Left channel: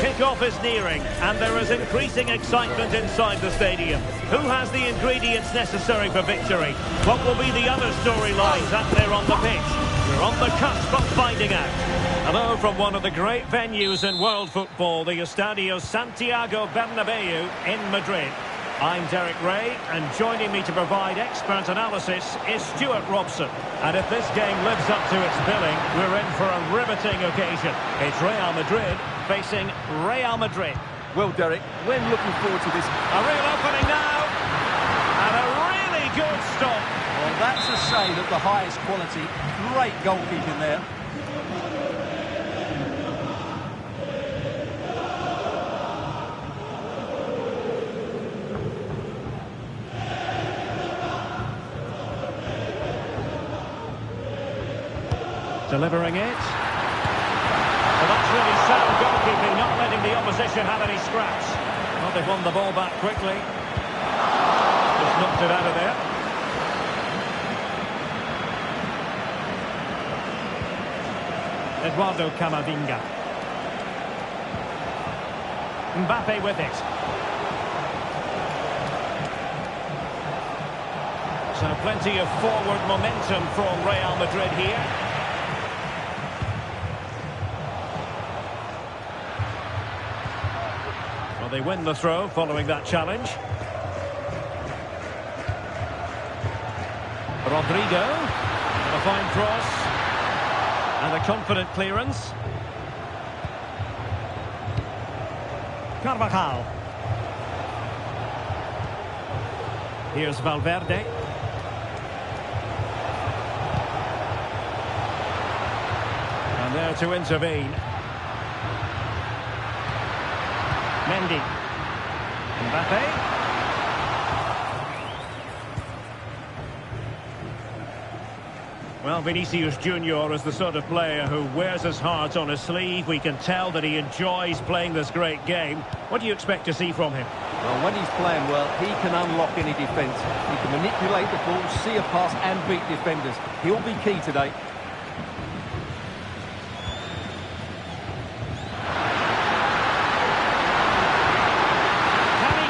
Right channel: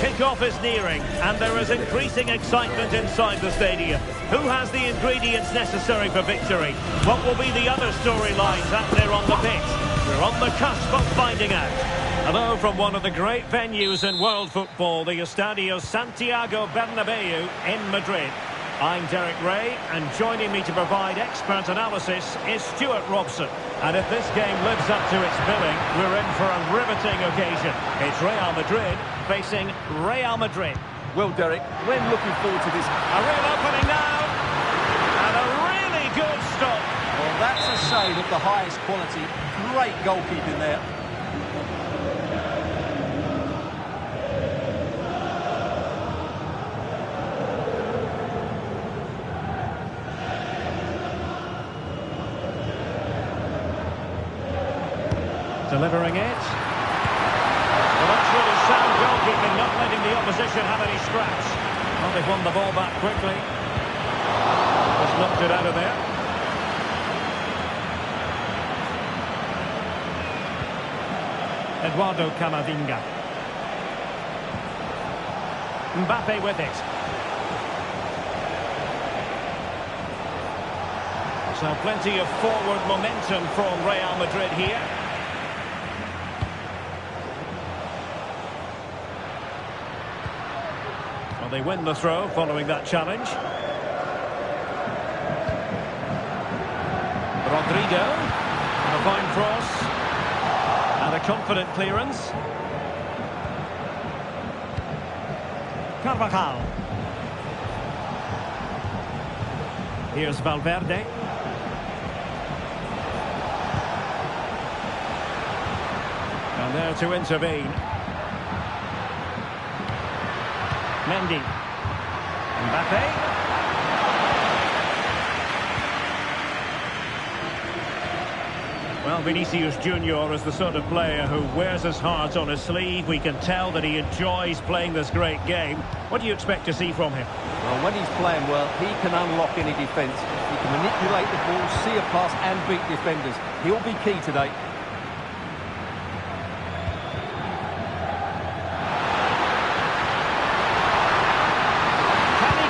Kick-off is nearing, and there is increasing excitement inside the stadium. Who has the ingredients necessary for victory? What will be the other storylines out there on the pitch? We're on the cusp of finding out. Hello from one of the great venues in world football, the Estadio Santiago Bernabeu in Madrid. I'm Derek Ray, and joining me to provide expert analysis is Stuart Robson. And if this game lives up to its billing, we're in for a riveting occasion. It's Real Madrid facing Real Madrid. Well, Derek, we're looking forward to this. A real opening now, and a really good stop. Well, that's a save of the highest quality. Great goalkeeping there. Delivering it. Well, that's really sound goalkeeping, not letting the opposition have any scraps. Well, they've won the ball back quickly. Just knocked it out of there. Eduardo Camavinga. Mbappe with it. So plenty of forward momentum from Real Madrid here. Well, they win the throw following that challenge. Rodrigo, and a fine cross, and a confident clearance. Carvajal. Here's Valverde. And there to intervene. Mendy. Mbappe. Well, Vinicius Junior is the sort of player who wears his heart on his sleeve. We can tell that he enjoys playing this great game. What do you expect to see from him? Well, when he's playing well, he can unlock any defence. He can manipulate the ball, see a pass and beat defenders. He'll be key today.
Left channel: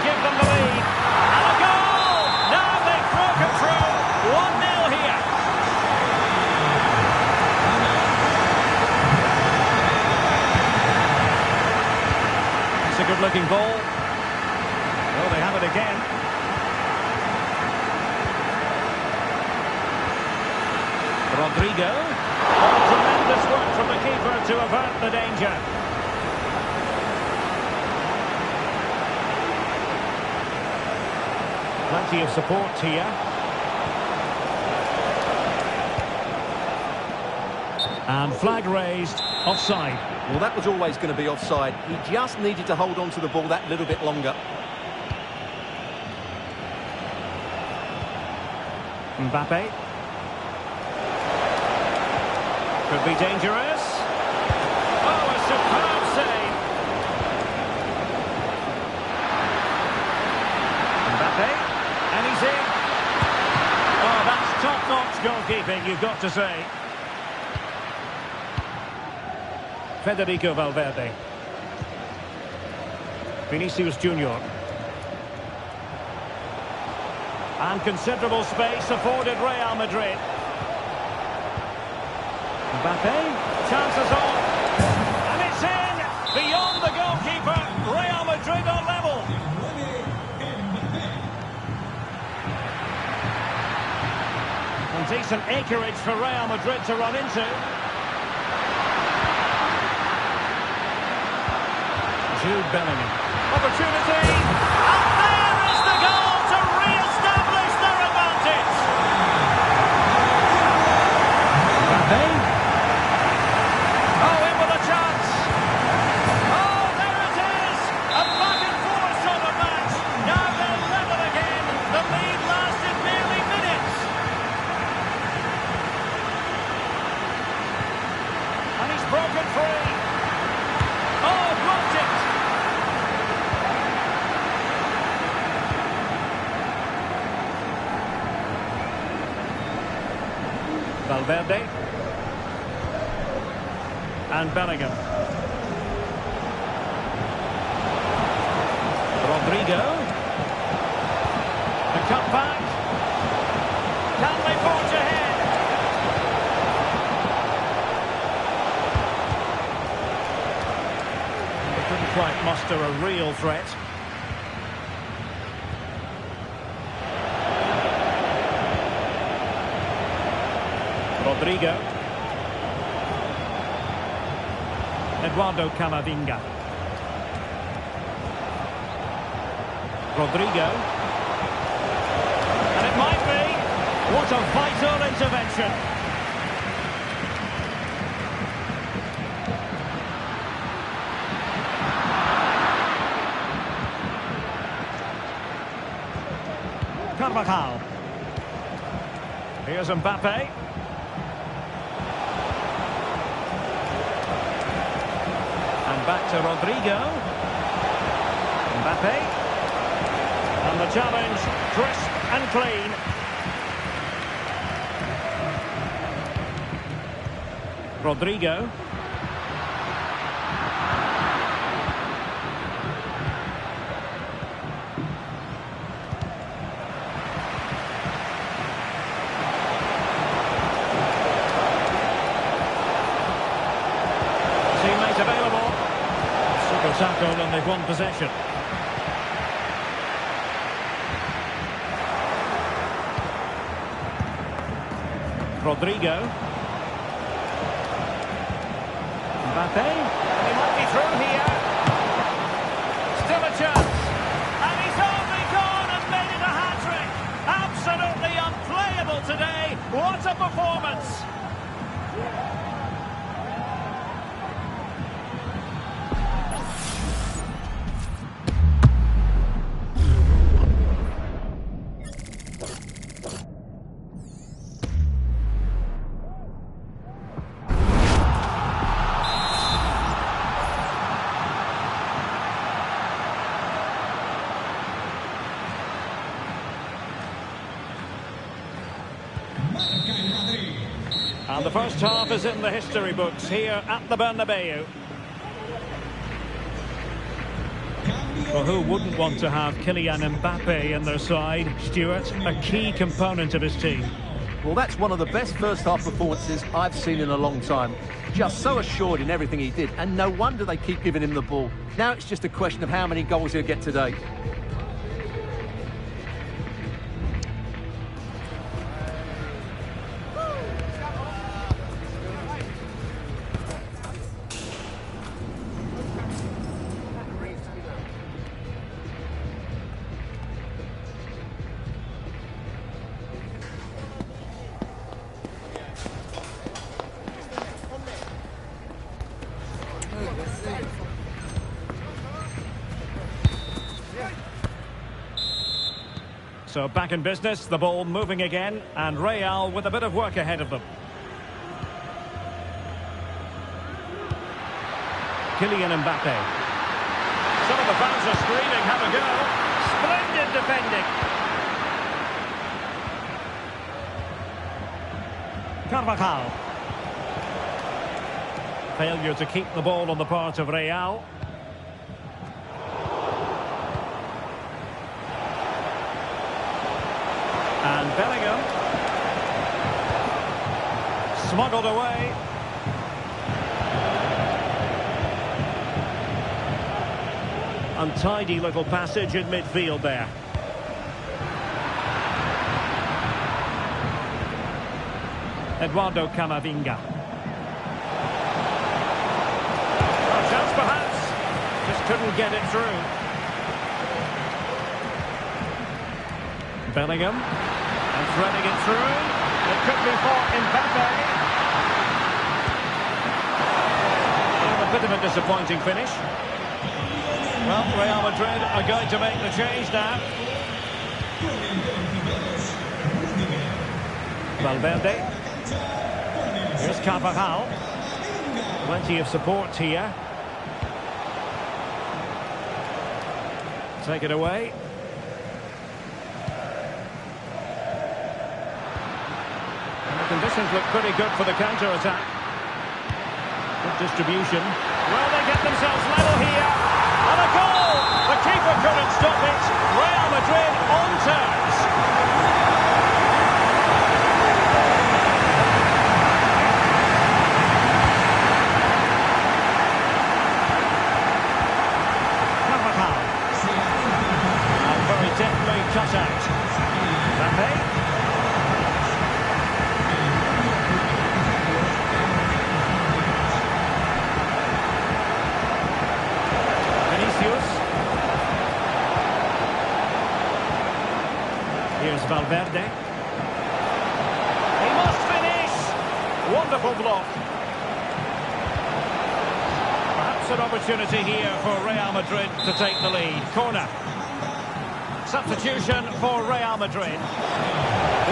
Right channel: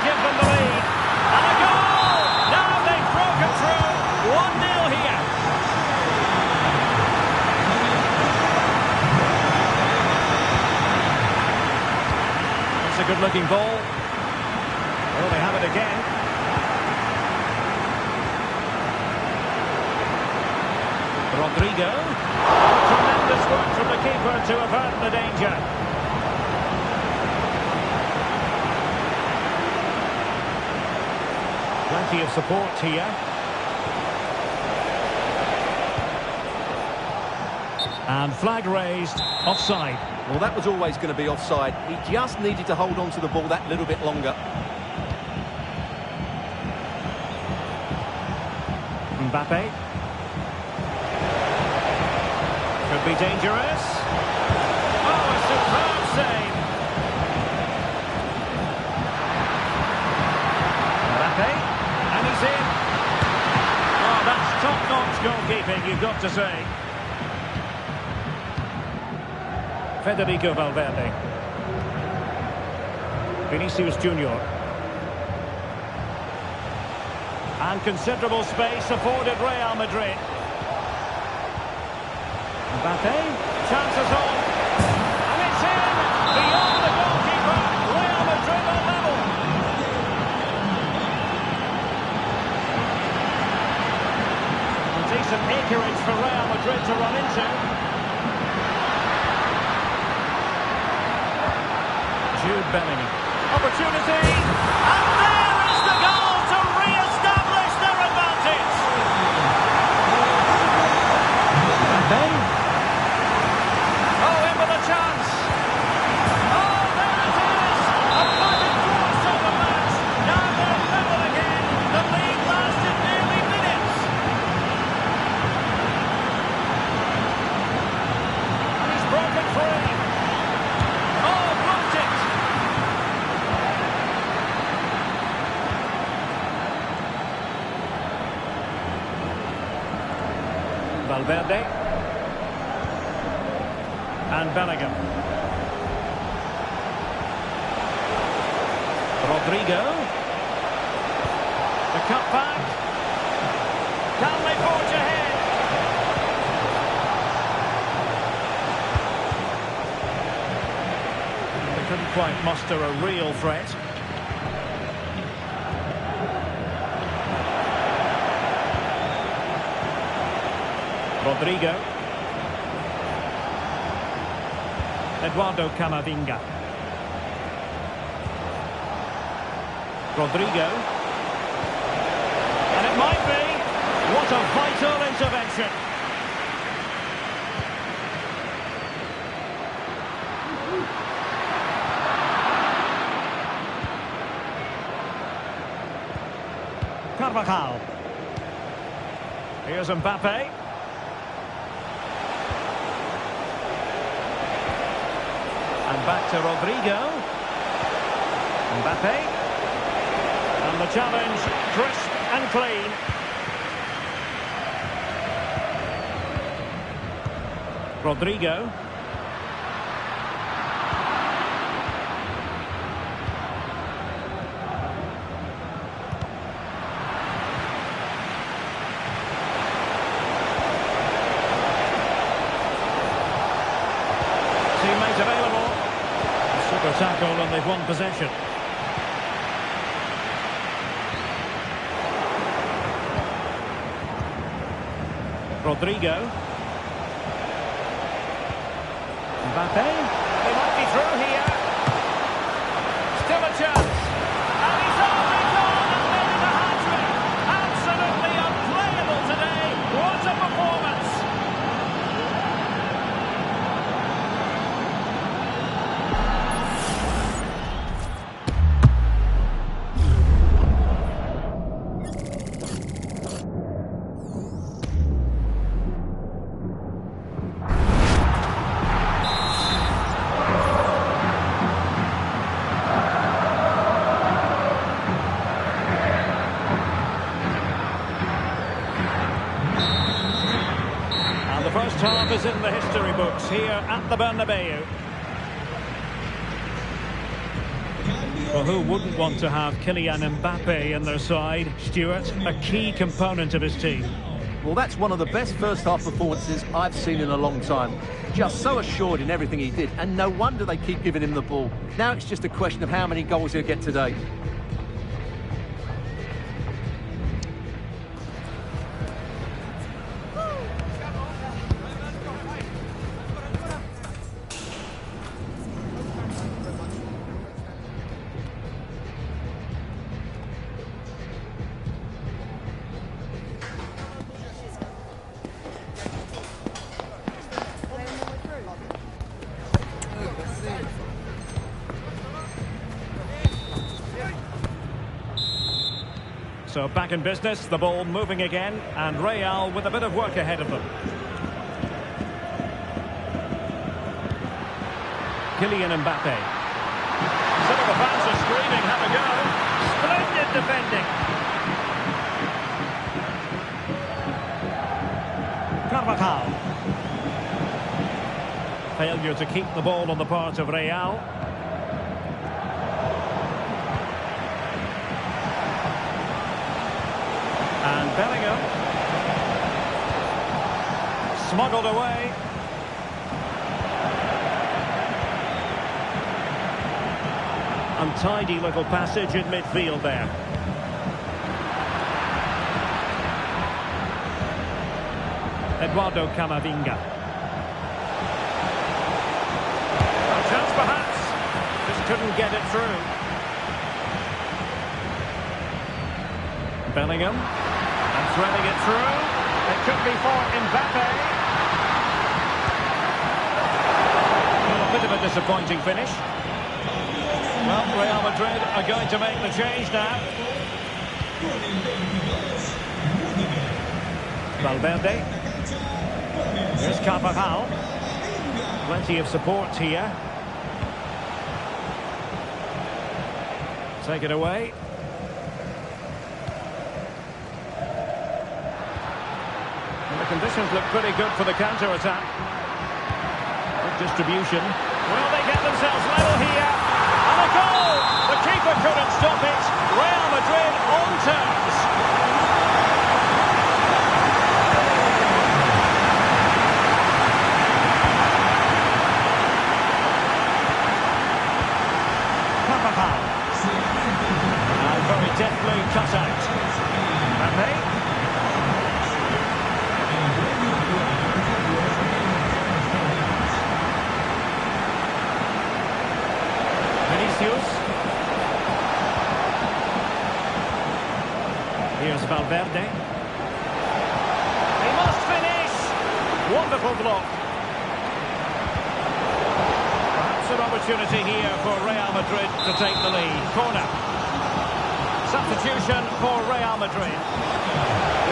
Give them the lead, and a goal! Now they've broken through, 1-0 here. It's a good-looking ball. Well, they have it again. Rodrigo. Oh, tremendous work from the keeper to avert the danger. Plenty of support here. And flag raised, offside. Well, that was always going to be offside. He just needed to hold on to the ball that little bit longer. Mbappe. Could be dangerous. Oh, a superb save. Mbappe. And he's in. Oh, that's top-notch goalkeeping, you've got to say. Federico Valverde. Vinicius Junior. And considerable space afforded Real Madrid. Mbappe. Chances on. And it's in. Beyond the goalkeeper. Real Madrid are level. And decent acreage for Real Madrid to run into. Jude Bellingham. Opportunity. And there is the goal to re-establish their advantage. Mbappe. Oh, in with a chance. Oh, there it is. A back and forth sort of match. Now they're level again. The lead lasted nearly minutes. And he's broken free. Oh, blocked it. Valverde. And Bellingham. Rodrigo. The cut back. Can they forge ahead? And they couldn't quite muster a real threat. Rodrigo. Eduardo Camavinga. Rodrigo. And it might be. What a vital intervention. Carvajal. Here's Mbappe. And back to Rodrigo. Mbappe. And the challenge, crisp and clean. Rodrigo. Teammate available. Super tackle and they've won possession. Rodrigo. Mbappe. And he might be through here. Still a chance. And he's only gone and made it a hat-trick. Absolutely unplayable today. What a performance. And the first half is in the history books here at the Bernabeu. Well, who wouldn't want to have Kylian Mbappe in their side, Stuart? A key component of his team. Well, that's one of the best first-half performances I've seen in a long time. Just so assured in everything he did, and no wonder they keep giving him the ball. Now it's just a question of how many goals he'll get today. So back in business, the ball moving again, and Real with a bit of work ahead of them. Kylian Mbappe. Some of the fans are screaming, have a go. Splendid defending. Carvajal. Failure to keep the ball on the part of Real. And Bellingham. Smuggled away. Untidy little passage in midfield there. Eduardo Camavinga. A chance perhaps. Just couldn't get it through. Bellingham. And threading it through. It could be for Mbappe. Well, a bit of a disappointing finish. Well, Real Madrid are going to make the change now. Valverde. Here's Carvajal. Plenty of support here. Take it away. And the conditions look pretty good for the counter-attack. Good distribution. Well, they get themselves level here. And a goal! The keeper couldn't stop it. Real Madrid on terms. Carvajal. And very deftly cut out. Mbappe. Vinicius. Here's Valverde. He must finish! Wonderful block. Perhaps an opportunity here for Real Madrid to take the lead. Corner. Substitution for Real Madrid.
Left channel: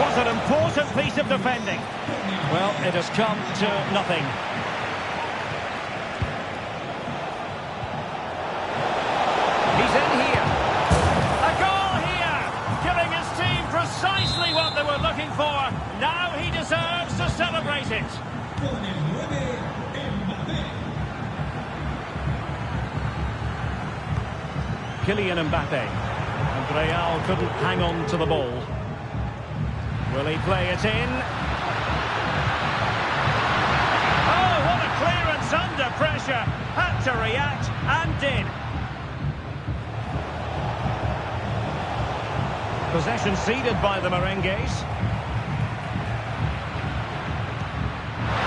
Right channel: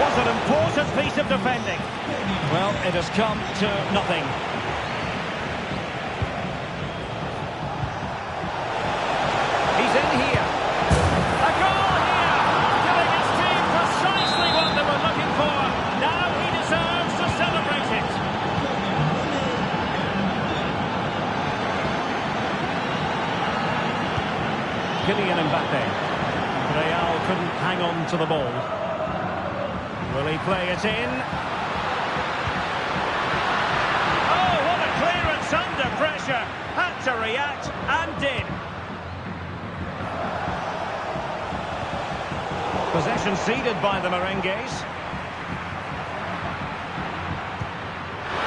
Was an important piece of defending. Well, it has come to nothing. He's in here. A goal here, giving his team precisely what they were looking for. Now he deserves to celebrate it. Kylian Mbappe. And Real couldn't hang on to the ball. Will he play it in? Oh, what a clearance under pressure. Had to react and did. Possession ceded by the Merengues.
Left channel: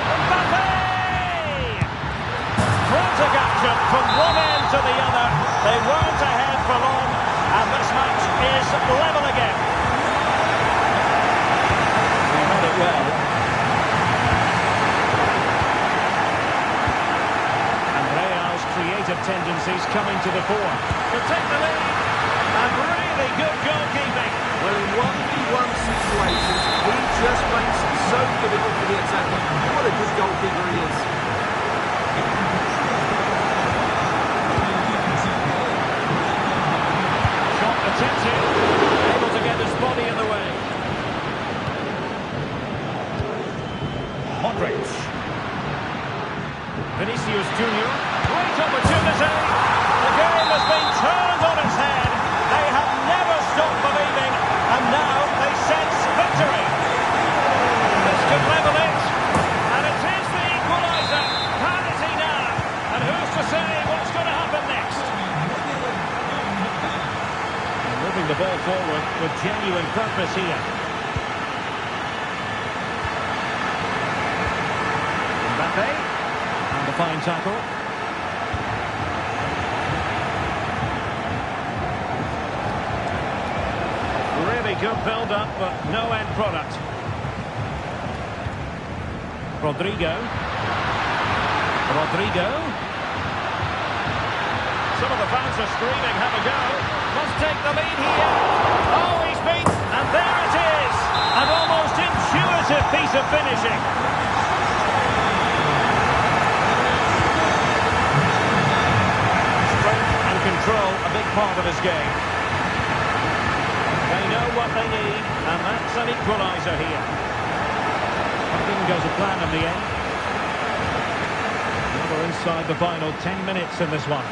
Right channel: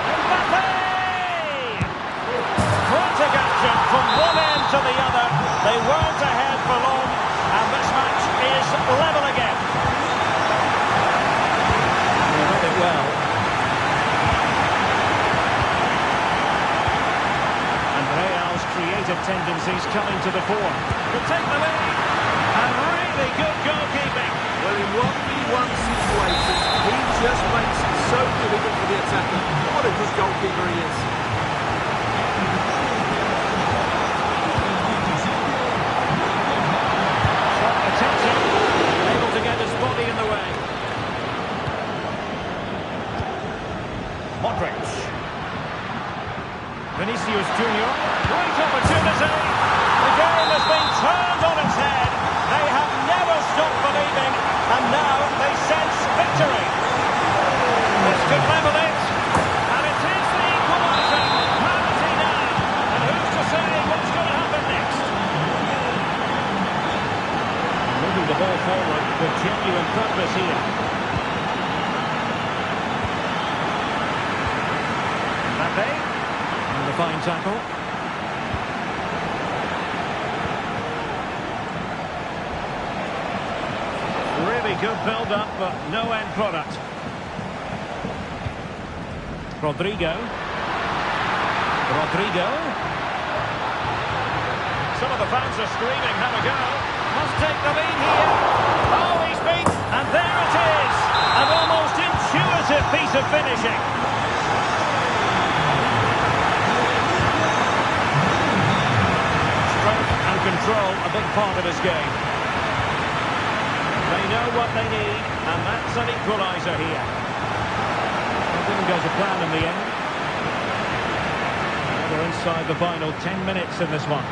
Mbappe! Frantic action from one end to the other. They weren't ahead for long, and this match is level again. They read it well. And Real's creative tendencies coming to the fore. Could take the lead. And really good goalkeeping. Well, in 1v1 situations, he just makes it so difficult for the attacker. What a good goalkeeper he is. Shot attempted. Able to get his body in the way. Modric. Vinicius Junior. Great opportunity. The game has been turned on its head. They have never stopped believing, and now they sense victory. This could level it, and it is the equaliser. Parity now, and who's to say what's going to happen next? And moving the ball forward with genuine purpose here. Mbappe, and a fine tackle. Really good build-up, but no end product. Rodrigo. Some of the fans are screaming, have a go. Must take the lead here. Oh, he's beat. And there it is. An almost intuitive piece of finishing. Strength and control, a big part of his game. They know what they need, and that's an equaliser here. That didn't go to plan in the end. Now we're inside the final 10 minutes in this one.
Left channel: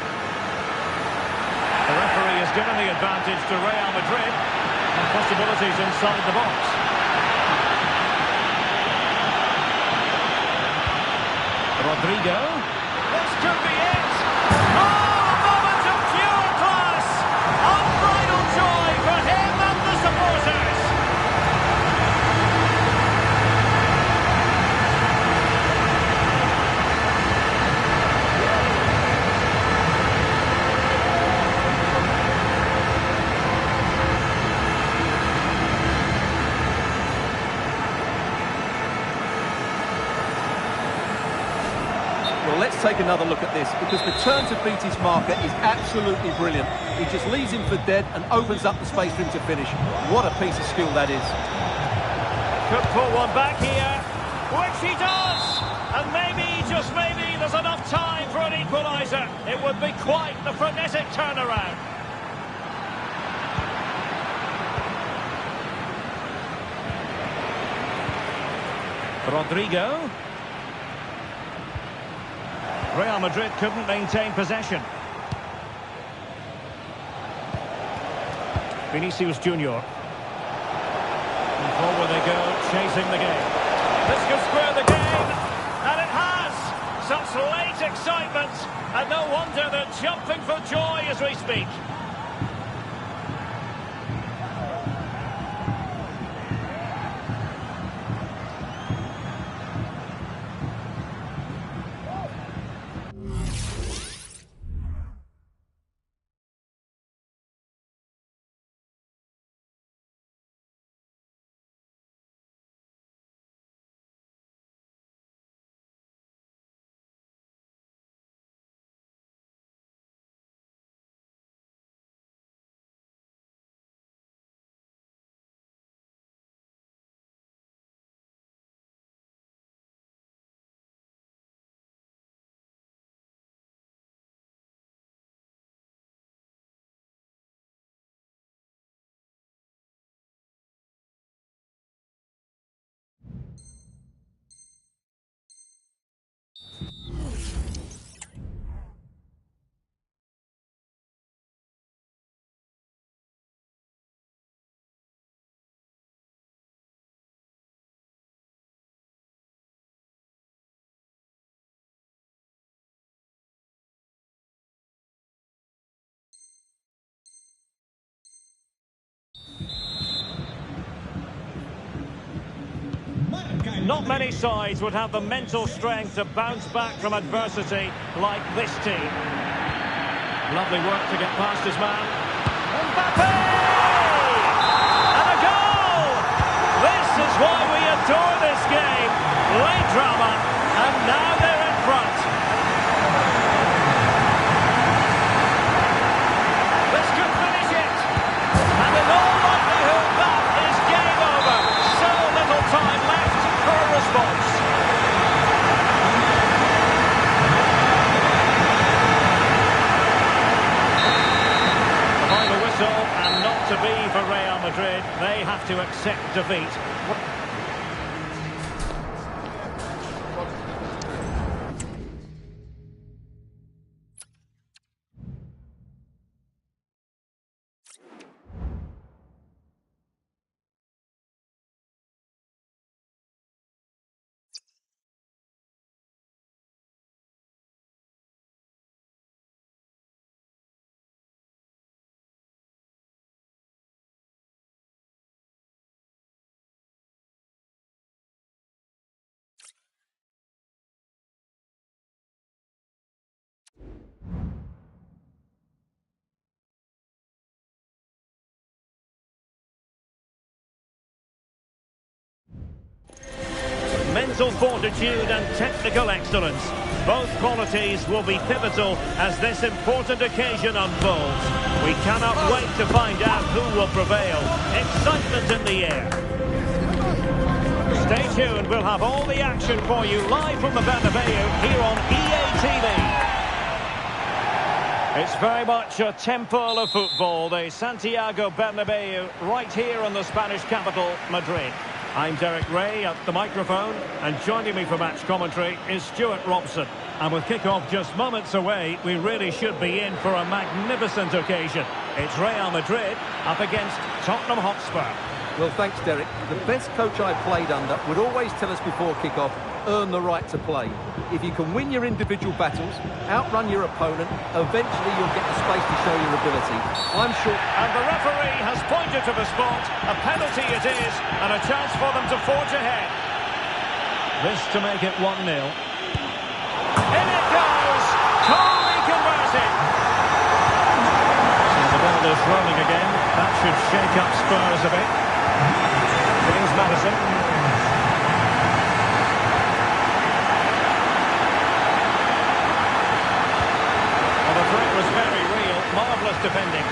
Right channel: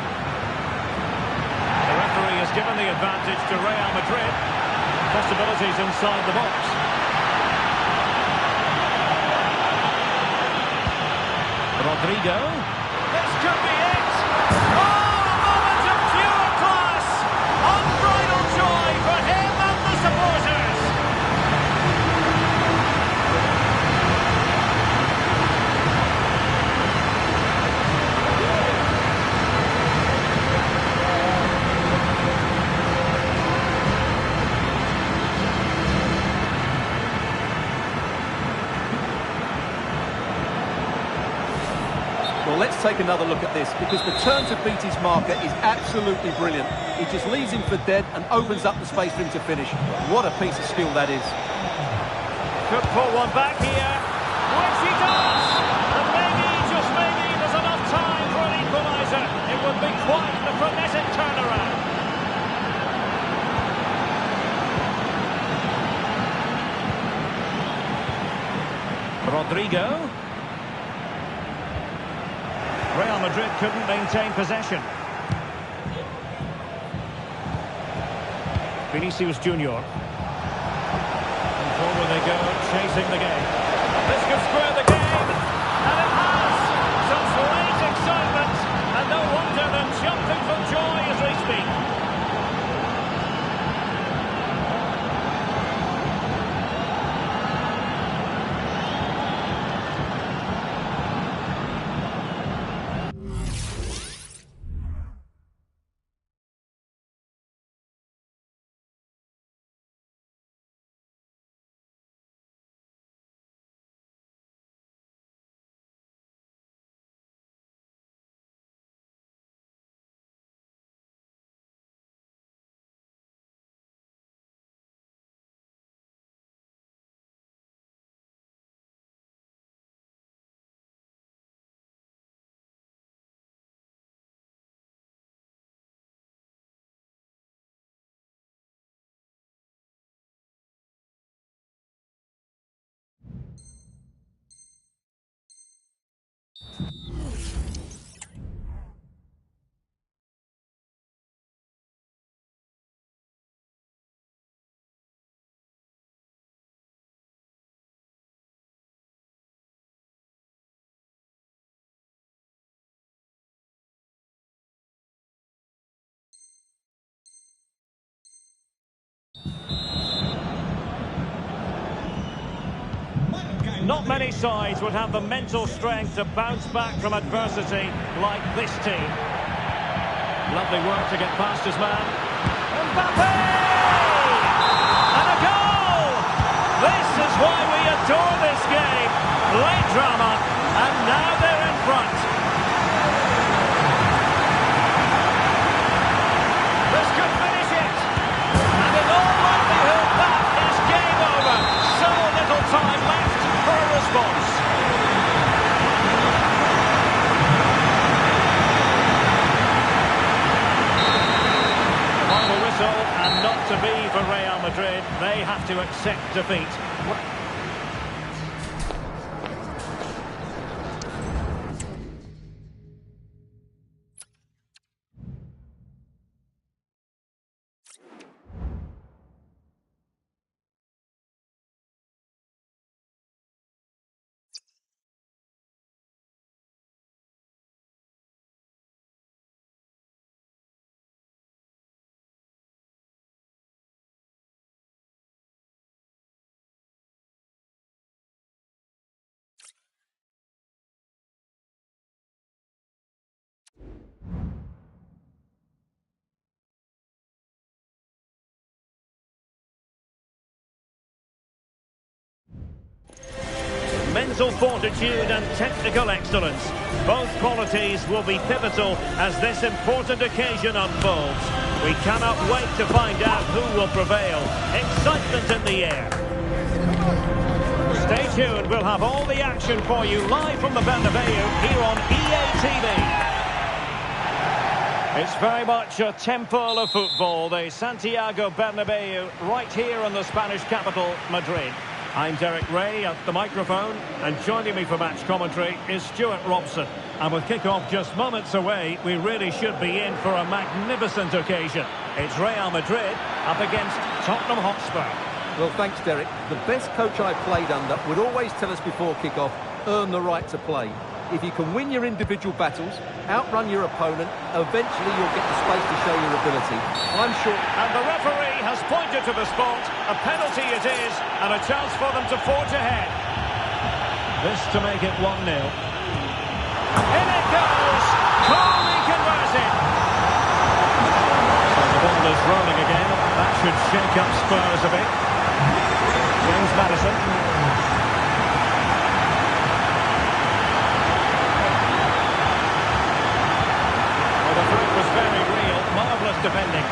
The referee has given the advantage to Real Madrid. And possibilities inside the box. Rodrigo. This could be it. Oh, a moment of pure class. Unbridled joy for him and the supporters. Well, let's take another look at this, because the turn to beat his marker is absolutely brilliant. He just leaves him for dead and opens up the space for him to finish. What a piece of skill that is. Could pull one back here, which he does. And maybe, just maybe, there's enough time for an equaliser. It would be quite the frenetic turnaround. Rodrigo. Real Madrid couldn't maintain possession. Vinicius Junior. And forward they go, chasing the game. This could square the game, and it has! Such late excitement, and no wonder they're jumping for joy as we speak. Not many sides would have the mental strength to bounce back from adversity like this team. Lovely work to get past his man. Mbappe! And a goal! This is why we adore this game. Late drama, and now they're in front. This could finish it. And in all likelihood, that is game over. So little time left for a response. The final whistle, and not to be for Real Madrid. They have to accept defeat. Mental fortitude and technical excellence. Both qualities will be pivotal as this important occasion unfolds. We cannot wait to find out who will prevail. Excitement in the air. Stay tuned, we'll have all the action for you live from the Bernabeu here on EA TV. It's very much a temple of football, the Santiago Bernabeu, right here in the Spanish capital, Madrid. I'm Derek Ray at the microphone, and joining me for match commentary is Stuart Robson. And with kick-off just moments away, we really should be in for a magnificent occasion. It's Real Madrid up against Tottenham Hotspur. Well, thanks, Derek. The best coach I played under would always tell us before kick-off, earn the right to play. If you can win your individual battles, outrun your opponent, eventually you'll get the space to show your ability. I'm sure... And the referee has pointed to the spot. A penalty it is, and a chance for them to forge ahead. This to make it 1-0. In it goes! Coolly converted! So the ball is rolling again. That should shake up Spurs a bit. James Maddison. Well, the threat was very real. Marvellous defending.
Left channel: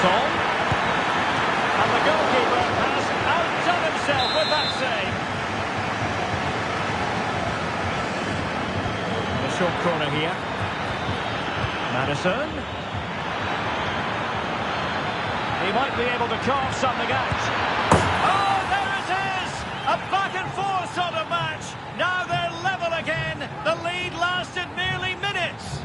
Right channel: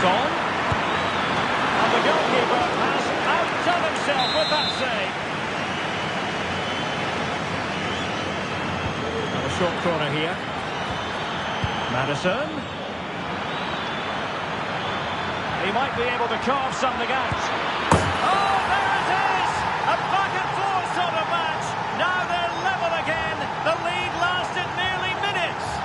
Son. And the goalkeeper has outdone himself with that save. And a short corner here. Maddison. He might be able to carve something out. Oh, there it is! A back and forth sort of match. Now they're level again. The lead lasted nearly minutes.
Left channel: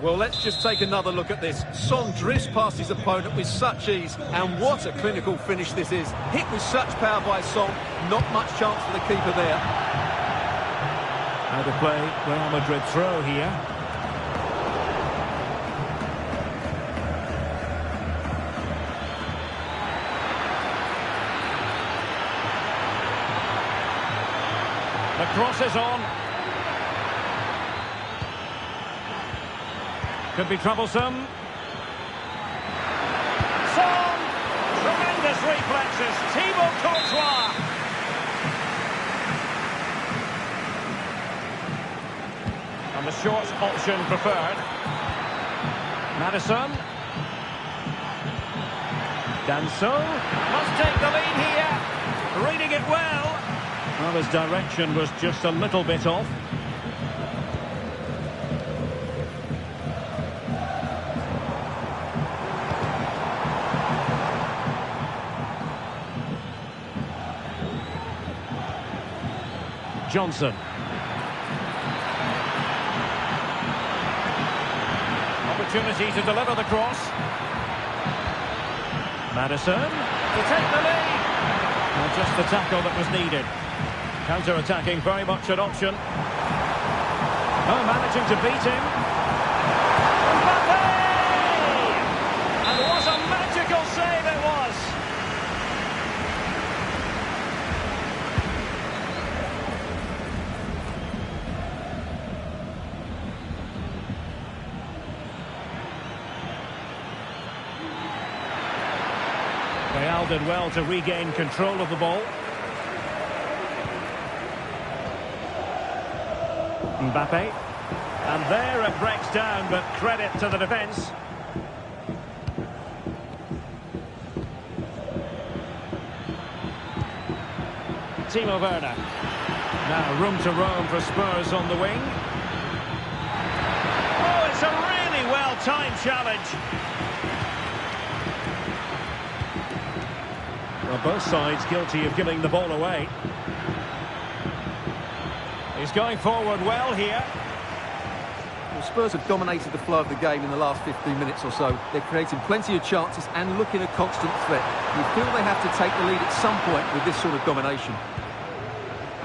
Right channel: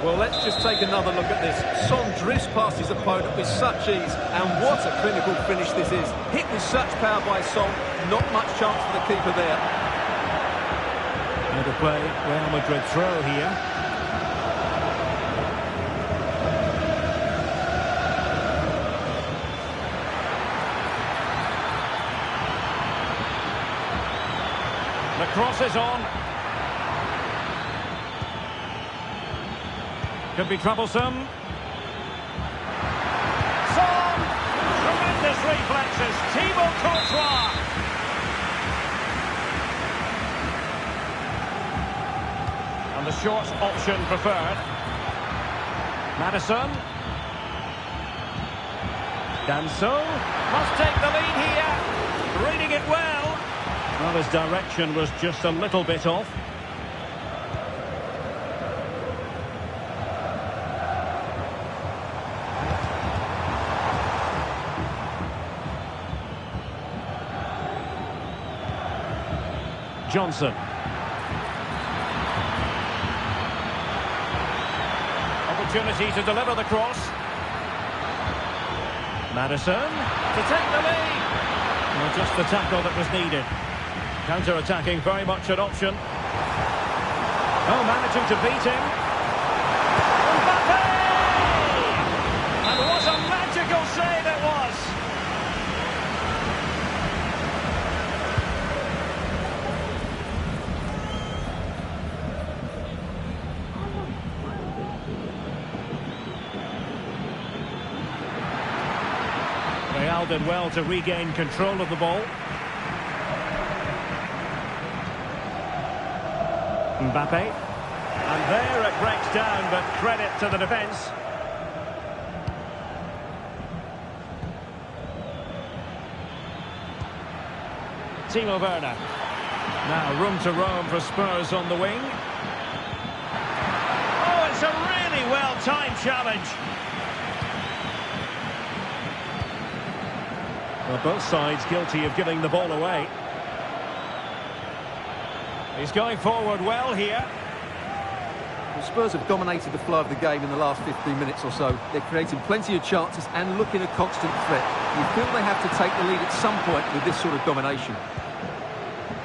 Well, let's just take another look at this. Son drifts past his opponent with such ease, and what a clinical finish this is. Hit with such power by Son, not much chance for the keeper there. Out of play, Real Madrid throw here. The cross is on. Could be troublesome. Son! Tremendous reflexes. Thibaut Courtois. And the short option preferred. Maddison. Danso. Must take the lead here. Reading it well. Well, his direction was just a little bit off. Johnson. Opportunity to deliver the cross. Maddison to take the lead. Well, just the tackle that was needed. Counter-attacking, very much an option. Oh, managing to beat him. Mbappe! And what a magical save it was. Real did well to regain control of the ball. Mbappe. And there it breaks down, but credit to the defence. Timo Werner. Now room to roam for Spurs on the wing. Oh, it's a really well-timed challenge. Well, both sides guilty of giving the ball away. He's going forward well here. Well, Spurs have dominated the flow of the game in the last 15 minutes or so. They're creating plenty of chances and looking a constant threat. You feel they have to take the lead at some point with this sort of domination.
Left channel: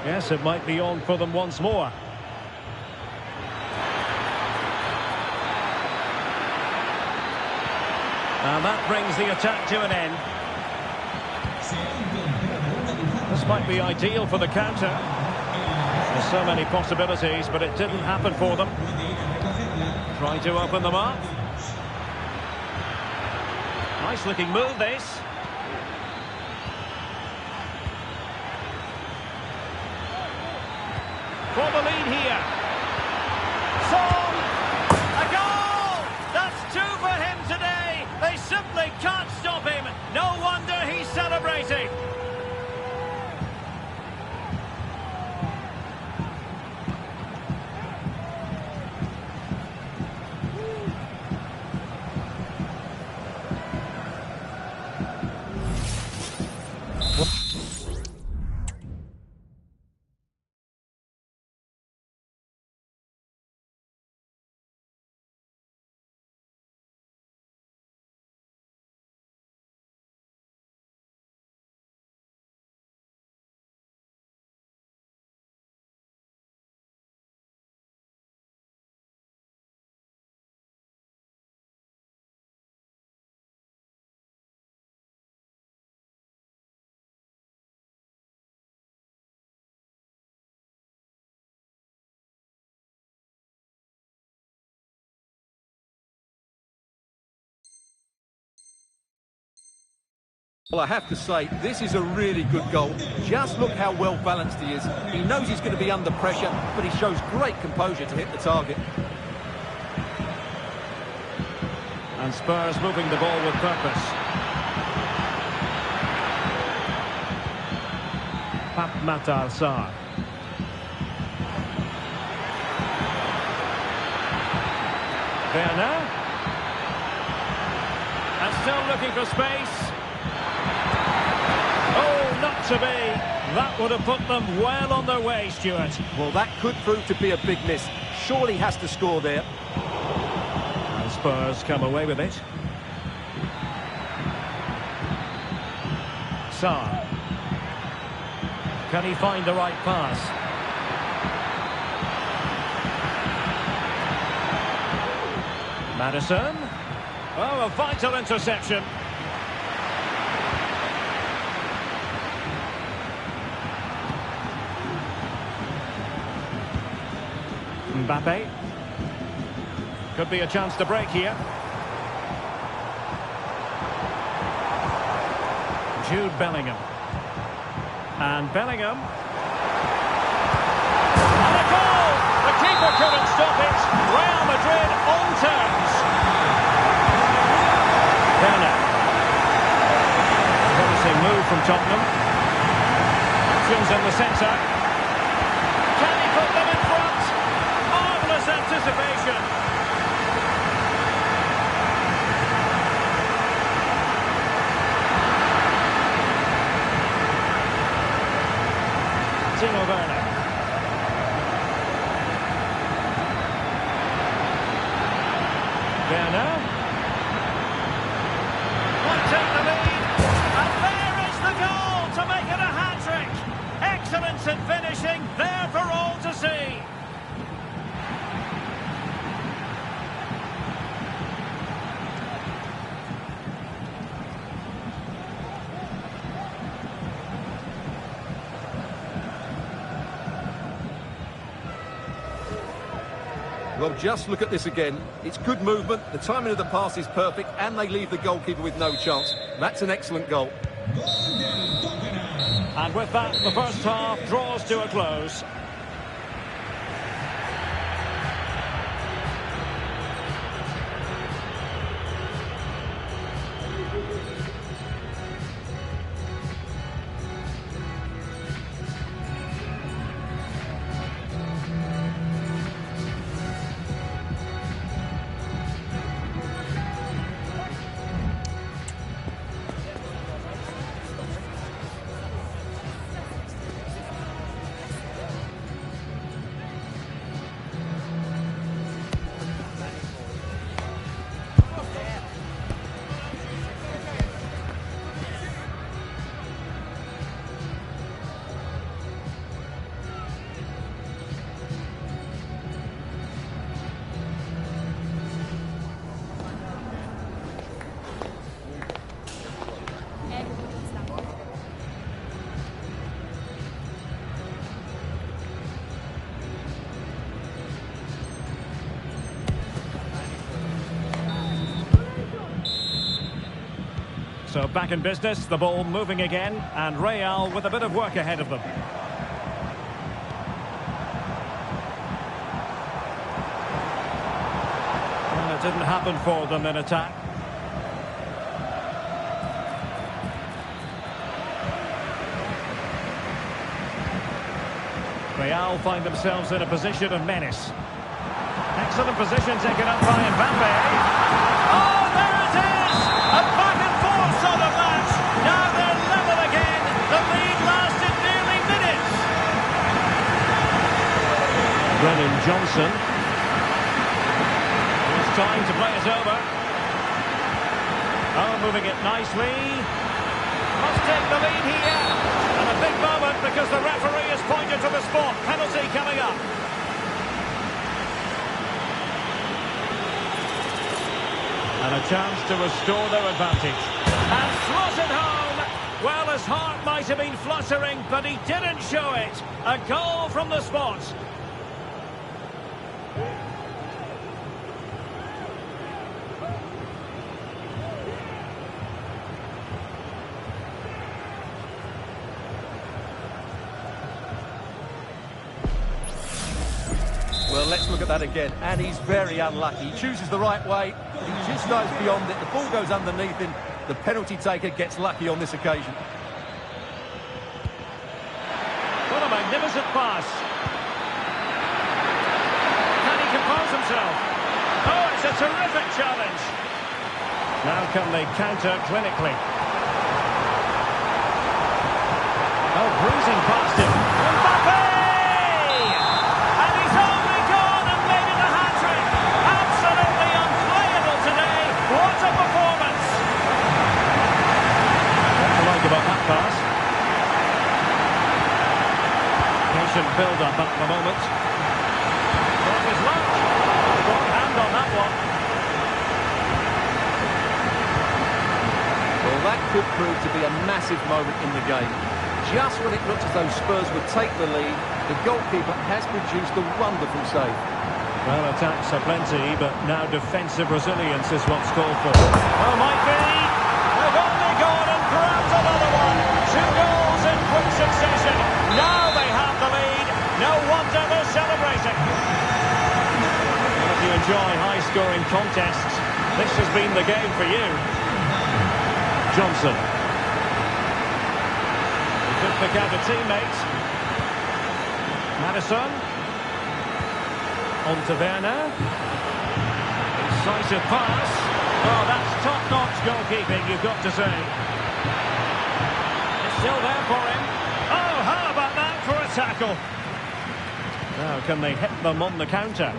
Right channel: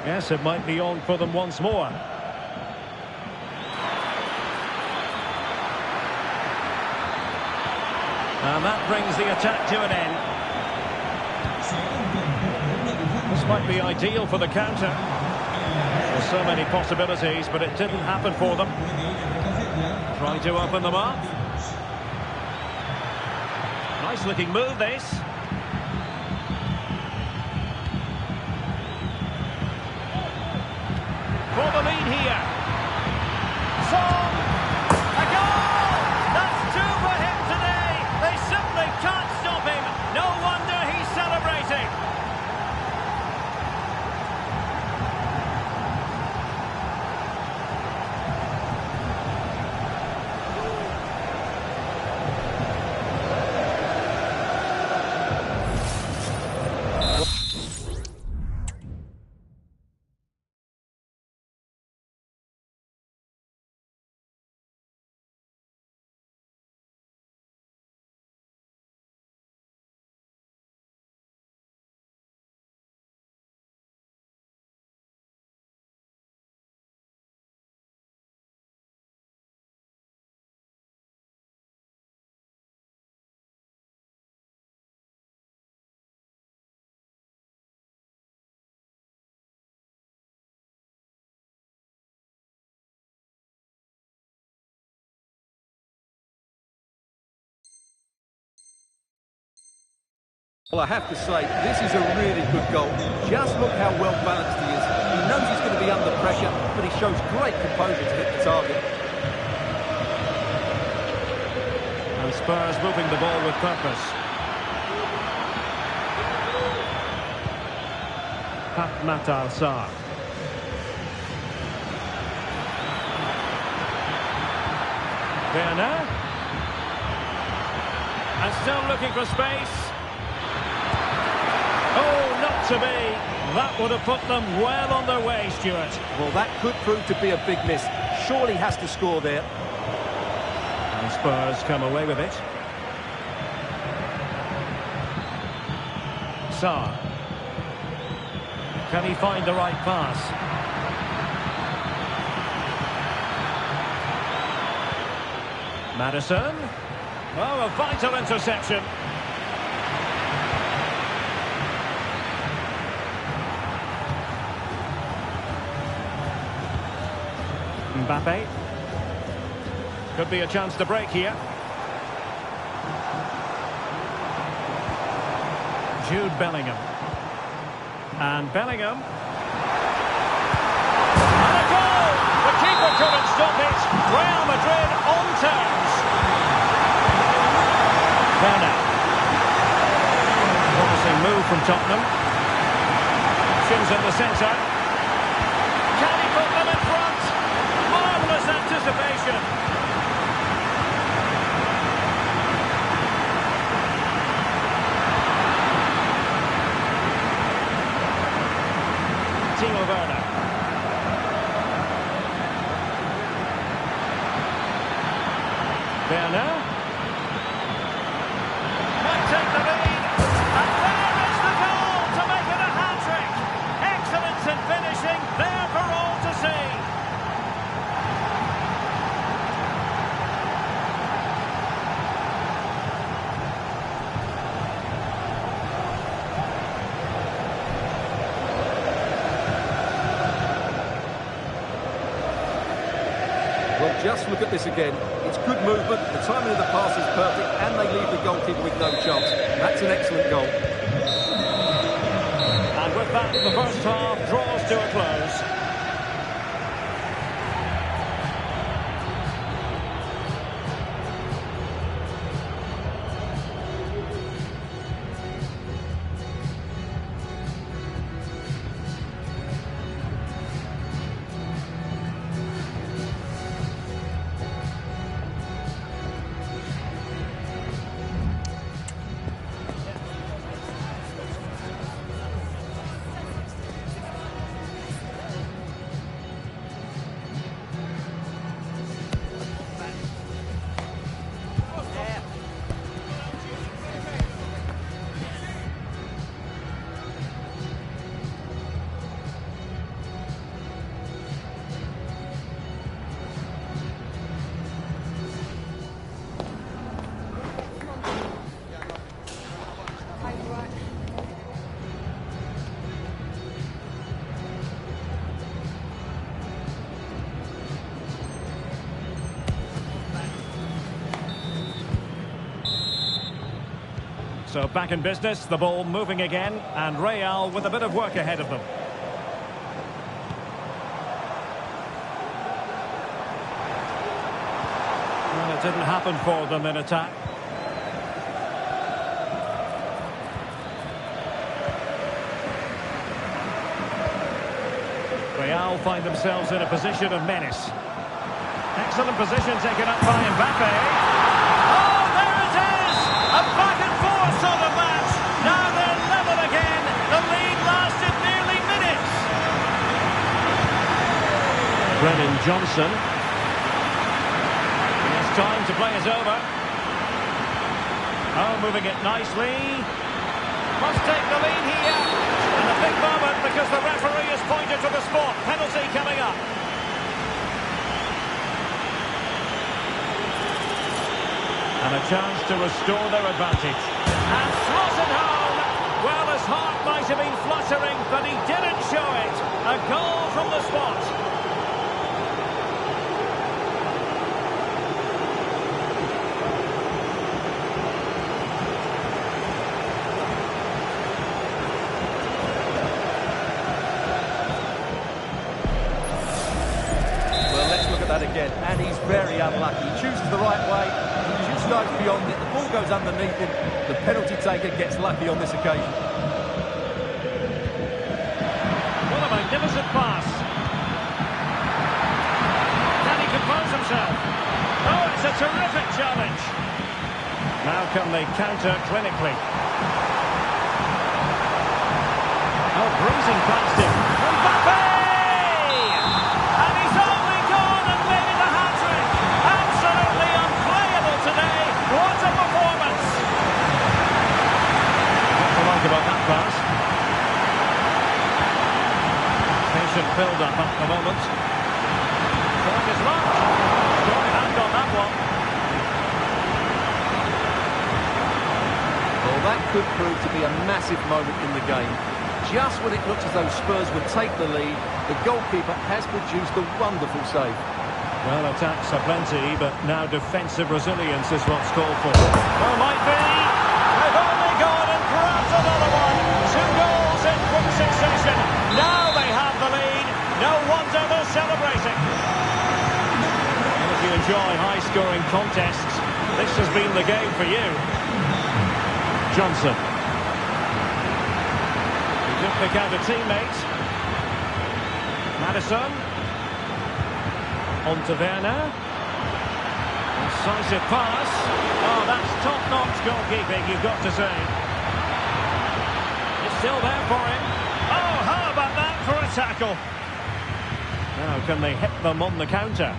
Yes, it might be on for them once more. And that brings the attack to an end. This might be ideal for the counter. There's so many possibilities, but it didn't happen for them. Trying to open them up. Nice looking move, this. For the lead here. Son! A goal! That's two for him today. They simply can't stop him. No wonder he's celebrating. Well, I have to say, this is a really good goal. Just look how well balanced he is. He knows he's going to be under pressure, but he shows great composure to hit the target. And Spurs moving the ball with purpose. Pape Matar Sarr. Werner. And still looking for space. Oh, not to be. That would have put them well on their way, Stuart. Well, that could prove to be a big miss. Surely has to score there. And Spurs come away with it. Sarr. Can he find the right pass? Maddison. Oh, a vital interception. Mbappe. Could be a chance to break here. Jude Bellingham. And Bellingham. And a goal! The keeper couldn't stop it. Real Madrid on terms. Werner. Promising move from Tottenham. Options in the centre. Can he put them in front? Marvellous anticipation. Timo Werner. Werner. Might take the lead. And there is the goal to make it a hat-trick. Excellence in finishing, there for all to see. Well, just look at this again. It's good movement, the timing of the pass is perfect, and they leave the goalkeeper with no chance. That's an excellent goal. And with that, the first half draws to a close. So back in business, the ball moving again, and Real with a bit of work ahead of them. Well, it didn't happen for them in attack. Real find themselves in a position of menace. Excellent position taken up by Mbappe. Oh, there it is! A back and forth sort of match. Now they're level again. The lead lasted nearly minutes. Brennan Johnson. He has time to play it over. Oh, moving it nicely. Must take the lead here. And a big moment because the referee has pointed to the spot. Penalty coming up. And a chance to restore their advantage. And slotted home. Well, his heart might have been fluttering, but he didn't show it. A goal from the spot. Well, let's look at that again. And he's very unlucky. He chooses the right way. He just goes beyond it. The ball goes underneath him. The penalty taker gets lucky on this occasion. magnificent pass. Can he compose himself? Oh, it's a terrific challenge. Now can they counter clinically? Oh, bruising past him. Mbappe! And he's only gone and made it a hat-trick. Absolutely unplayable today. What a performance. What to like about that pass? Patient build-up at the moment. Throwing his luck. Strong hand on that one. Well, that could prove to be a massive moment in the game. Just when it looked as though Spurs would take the lead, the goalkeeper has produced a wonderful save. Well, attacks are plenty, but now defensive resilience is what's called for. Oh, might be. They've only gone and grabbed another one. 2 goals in quick succession. Now they have the lead. No wonder they're celebrating. Well, if you enjoy high-scoring contests, this has been the game for you. Johnson. He could pick out a teammate. Maddison. On to Werner. Incisive pass. Oh, that's top-notch goalkeeping, you've got to say. It's still there for him. Oh, how about that for a tackle? Now, can they hit them on the counter?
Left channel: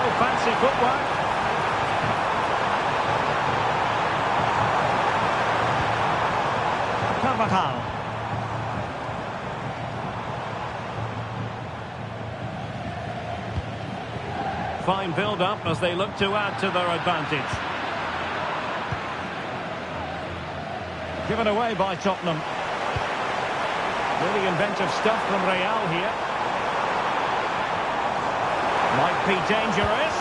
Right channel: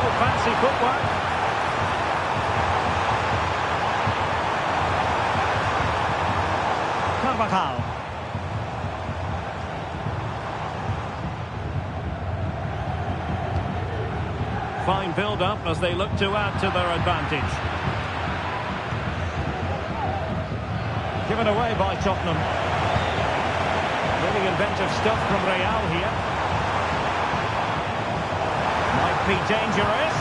Oh, fancy footwork. Carvajal. Fine build-up as they look to add to their advantage. Given away by Tottenham. Really inventive stuff from Real here. Might be dangerous.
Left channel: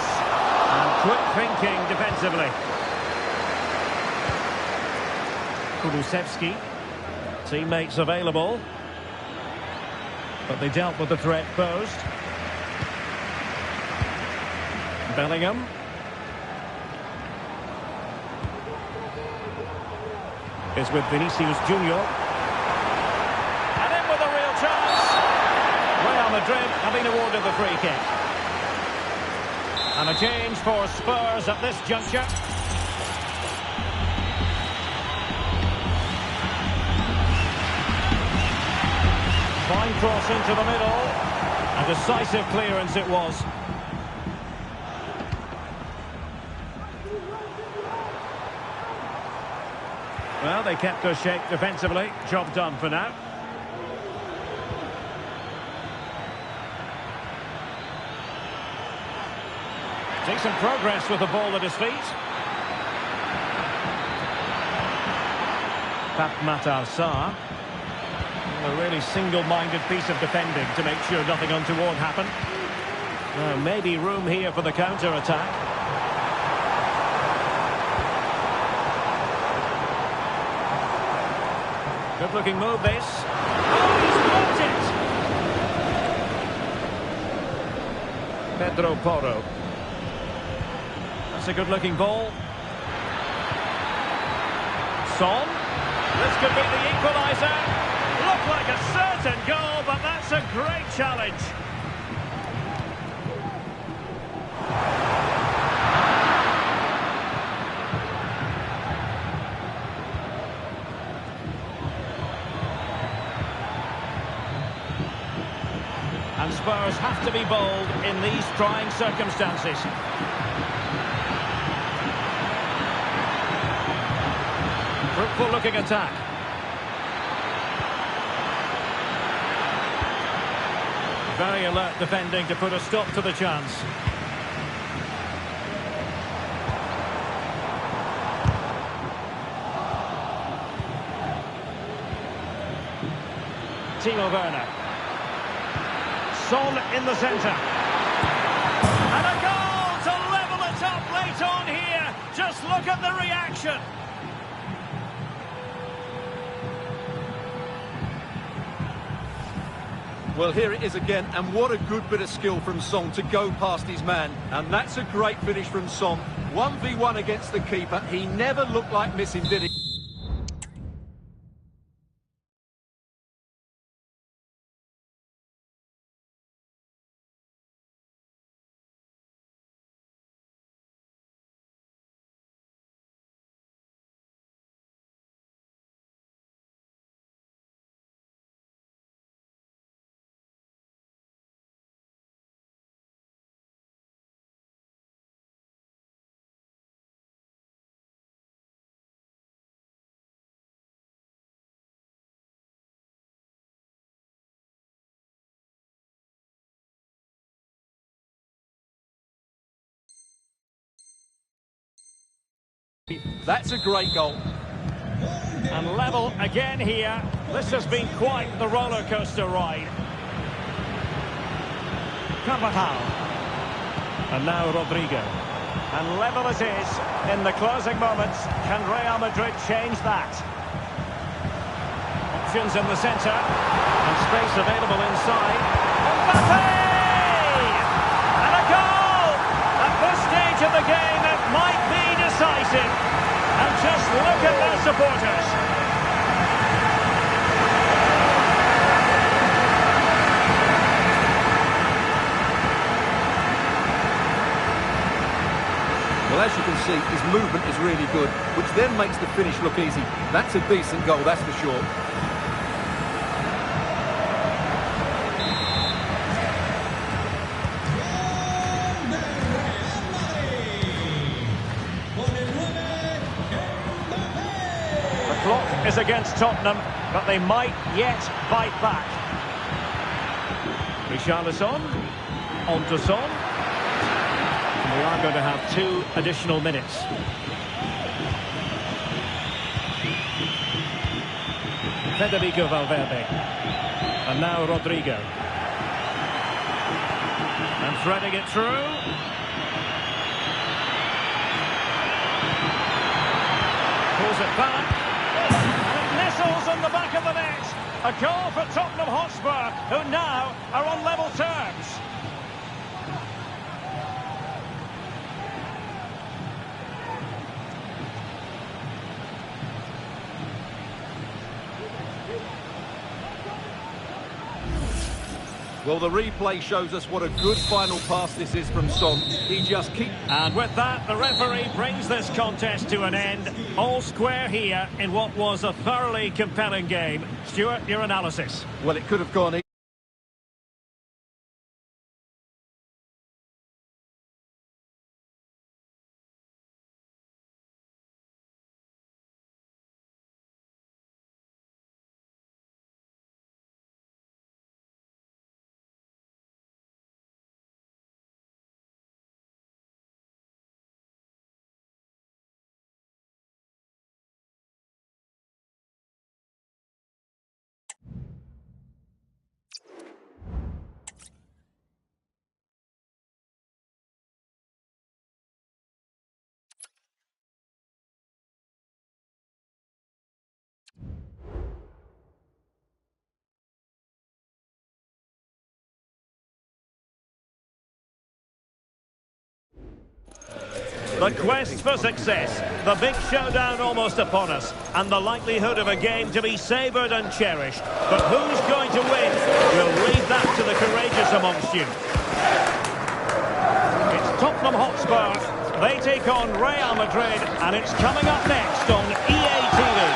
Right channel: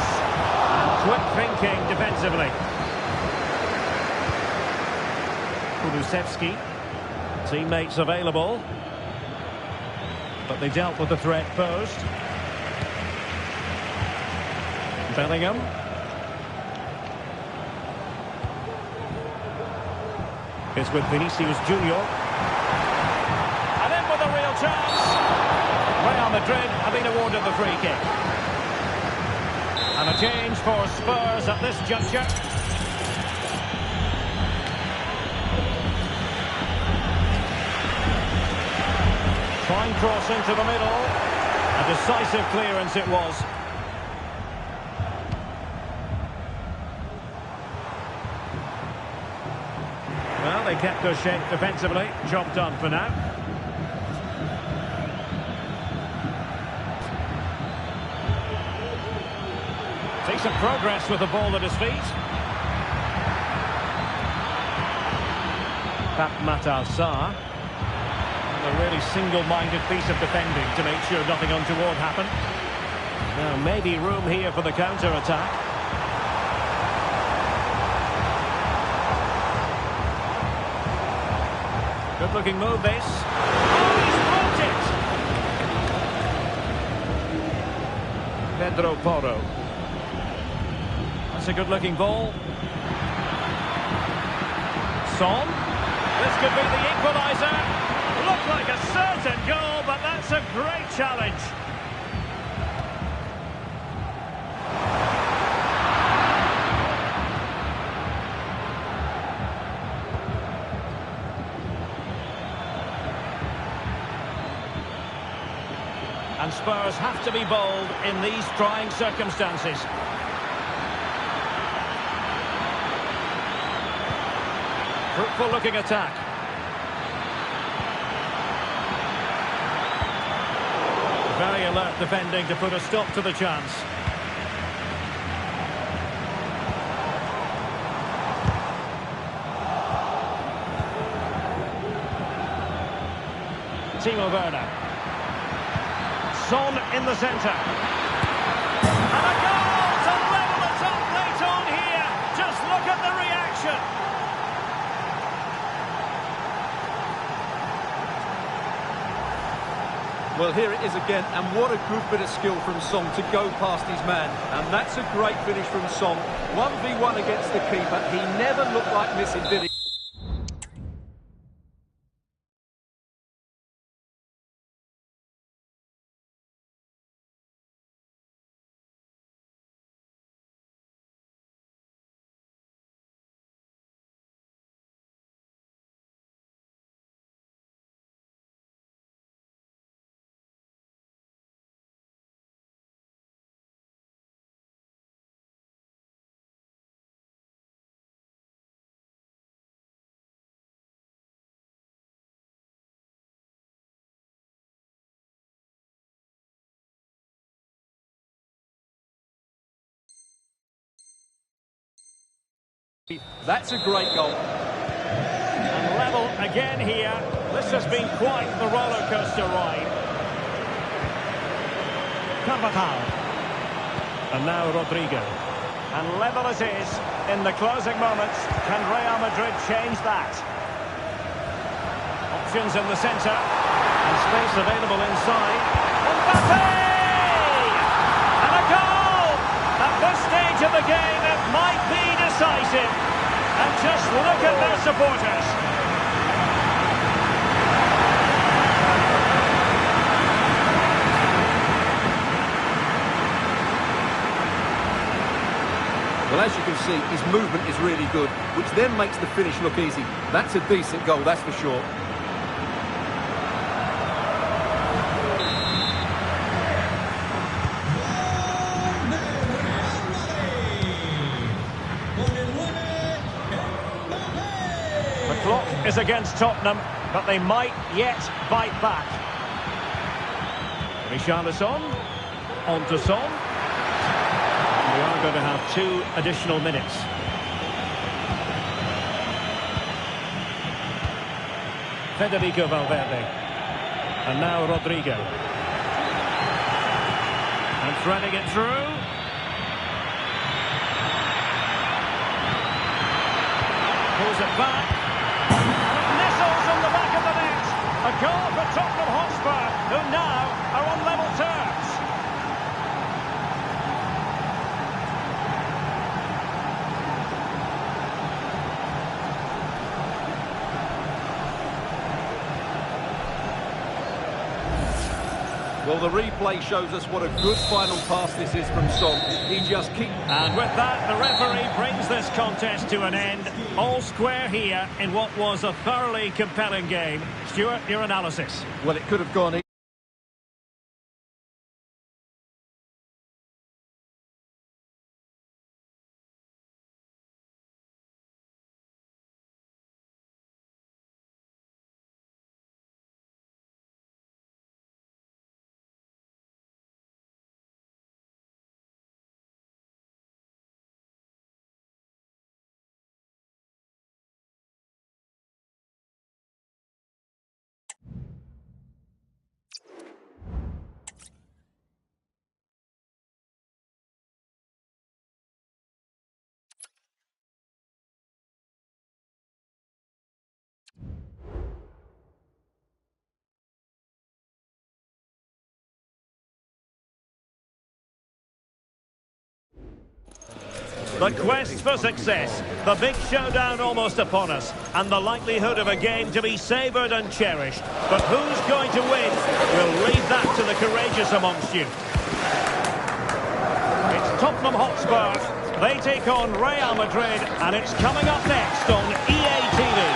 And quick thinking defensively. Kulusevski. Teammates available. But they dealt with the threat posed. Bellingham. It's with Vinicius Junior. And in with a real chance. Real Madrid have been awarded the free kick. And a change for Spurs at this juncture. Fine cross into the middle. A decisive clearance it was. Well, they kept their shape defensively. Job done for now. Decent progress with the ball at his feet. Pape Matar Sarr. A really single-minded piece of defending to make sure nothing untoward happened. Now, maybe room here for the counter-attack. Good-looking move, this. Oh, he's blocked it! Pedro Porro. That's a good-looking ball. Son. This could be the equaliser. Looked like a certain goal, but that's a great challenge. And Spurs have to be bold in these trying circumstances. Fruitful looking attack. Very alert defending to put a stop to the chance. Timo Werner. Son in the centre. And a goal to level it up late on here. Just look at the reaction. Well, here it is again, and what a good bit of skill from Son to go past his man. And that's a great finish from Son. 1v1 against the keeper. He never looked like missing, did he? That's a great goal. And level again here. This has been quite the roller coaster ride. Carvajal. And now Rodrigo. And level it is in the closing moments. Can Real Madrid change that? Options in the centre. And space available inside. Mbappe! And a goal! At this stage of the game, it might be decisive. And just look at their supporters. Well, as you can see, his movement is really good, which then makes the finish look easy. That's a decent goal, that's for sure. The clock is against Tottenham, but they might yet bite back. Richarlison, on to Son. We are going to have 2 additional minutes. Federico Valverde. And now Rodrigo. And threading it through. Pulls it back. And it nestles on the back of the net. A goal for Tottenham Hotspur, who now are on level terms. Well, the replay shows us what a good final pass this is from Son. He just keeps... And with that, the referee brings this contest to an end. All square here in what was a thoroughly compelling game. Stuart, your analysis. Well, it could have gone... The quest for success, the big showdown almost upon us, and the likelihood of a game to be savoured and cherished. But who's going to win? We'll leave that to the courageous amongst you. It's Tottenham Hotspur. They take on Real Madrid, and it's coming up next on EA TV.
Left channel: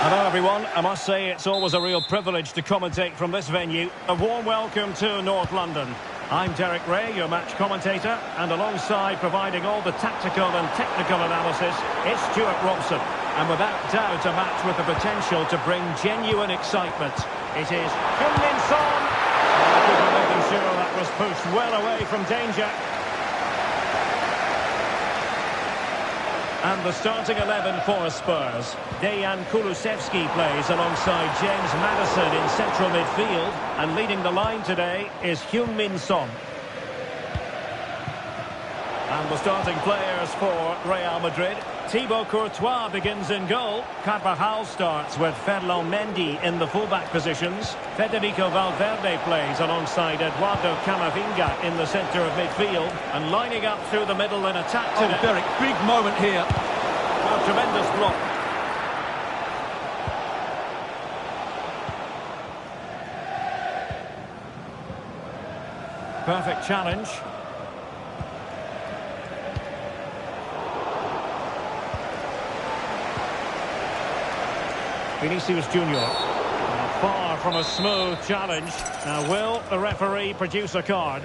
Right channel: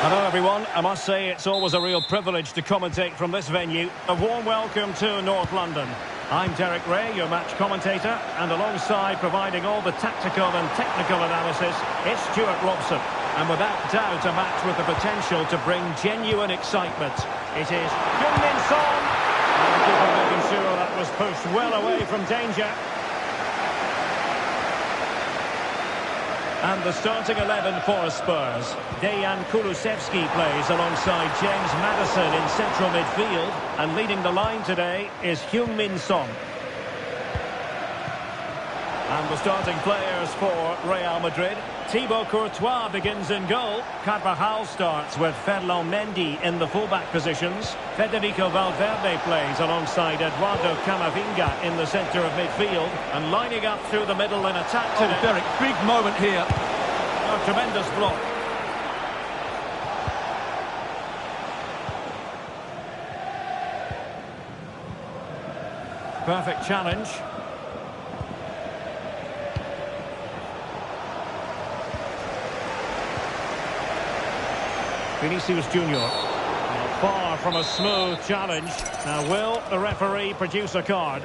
Hello everyone, I must say it's always a real privilege to commentate from this venue. A warm welcome to North London. I'm Derek Ray, your match commentator, and alongside providing all the tactical and technical analysis, it's Stuart Robson. And without doubt, a match with the potential to bring genuine excitement. It is Heung-min Son, and the keeper making sure that was pushed well away from danger. And the starting 11 for Spurs. Dejan Kulusevski plays alongside James Maddison in central midfield. And leading the line today is Heung-min Son. And the starting players for Real Madrid. Thibaut Courtois begins in goal. Carvajal starts with Ferland Mendy in the fullback positions. Federico Valverde plays alongside Eduardo Camavinga in the centre of midfield. And lining up through the middle in attack today. Oh, Derek, big moment here. A tremendous block. Perfect challenge. Vinicius Junior. Now far from a smooth challenge. Now will the referee produce a card?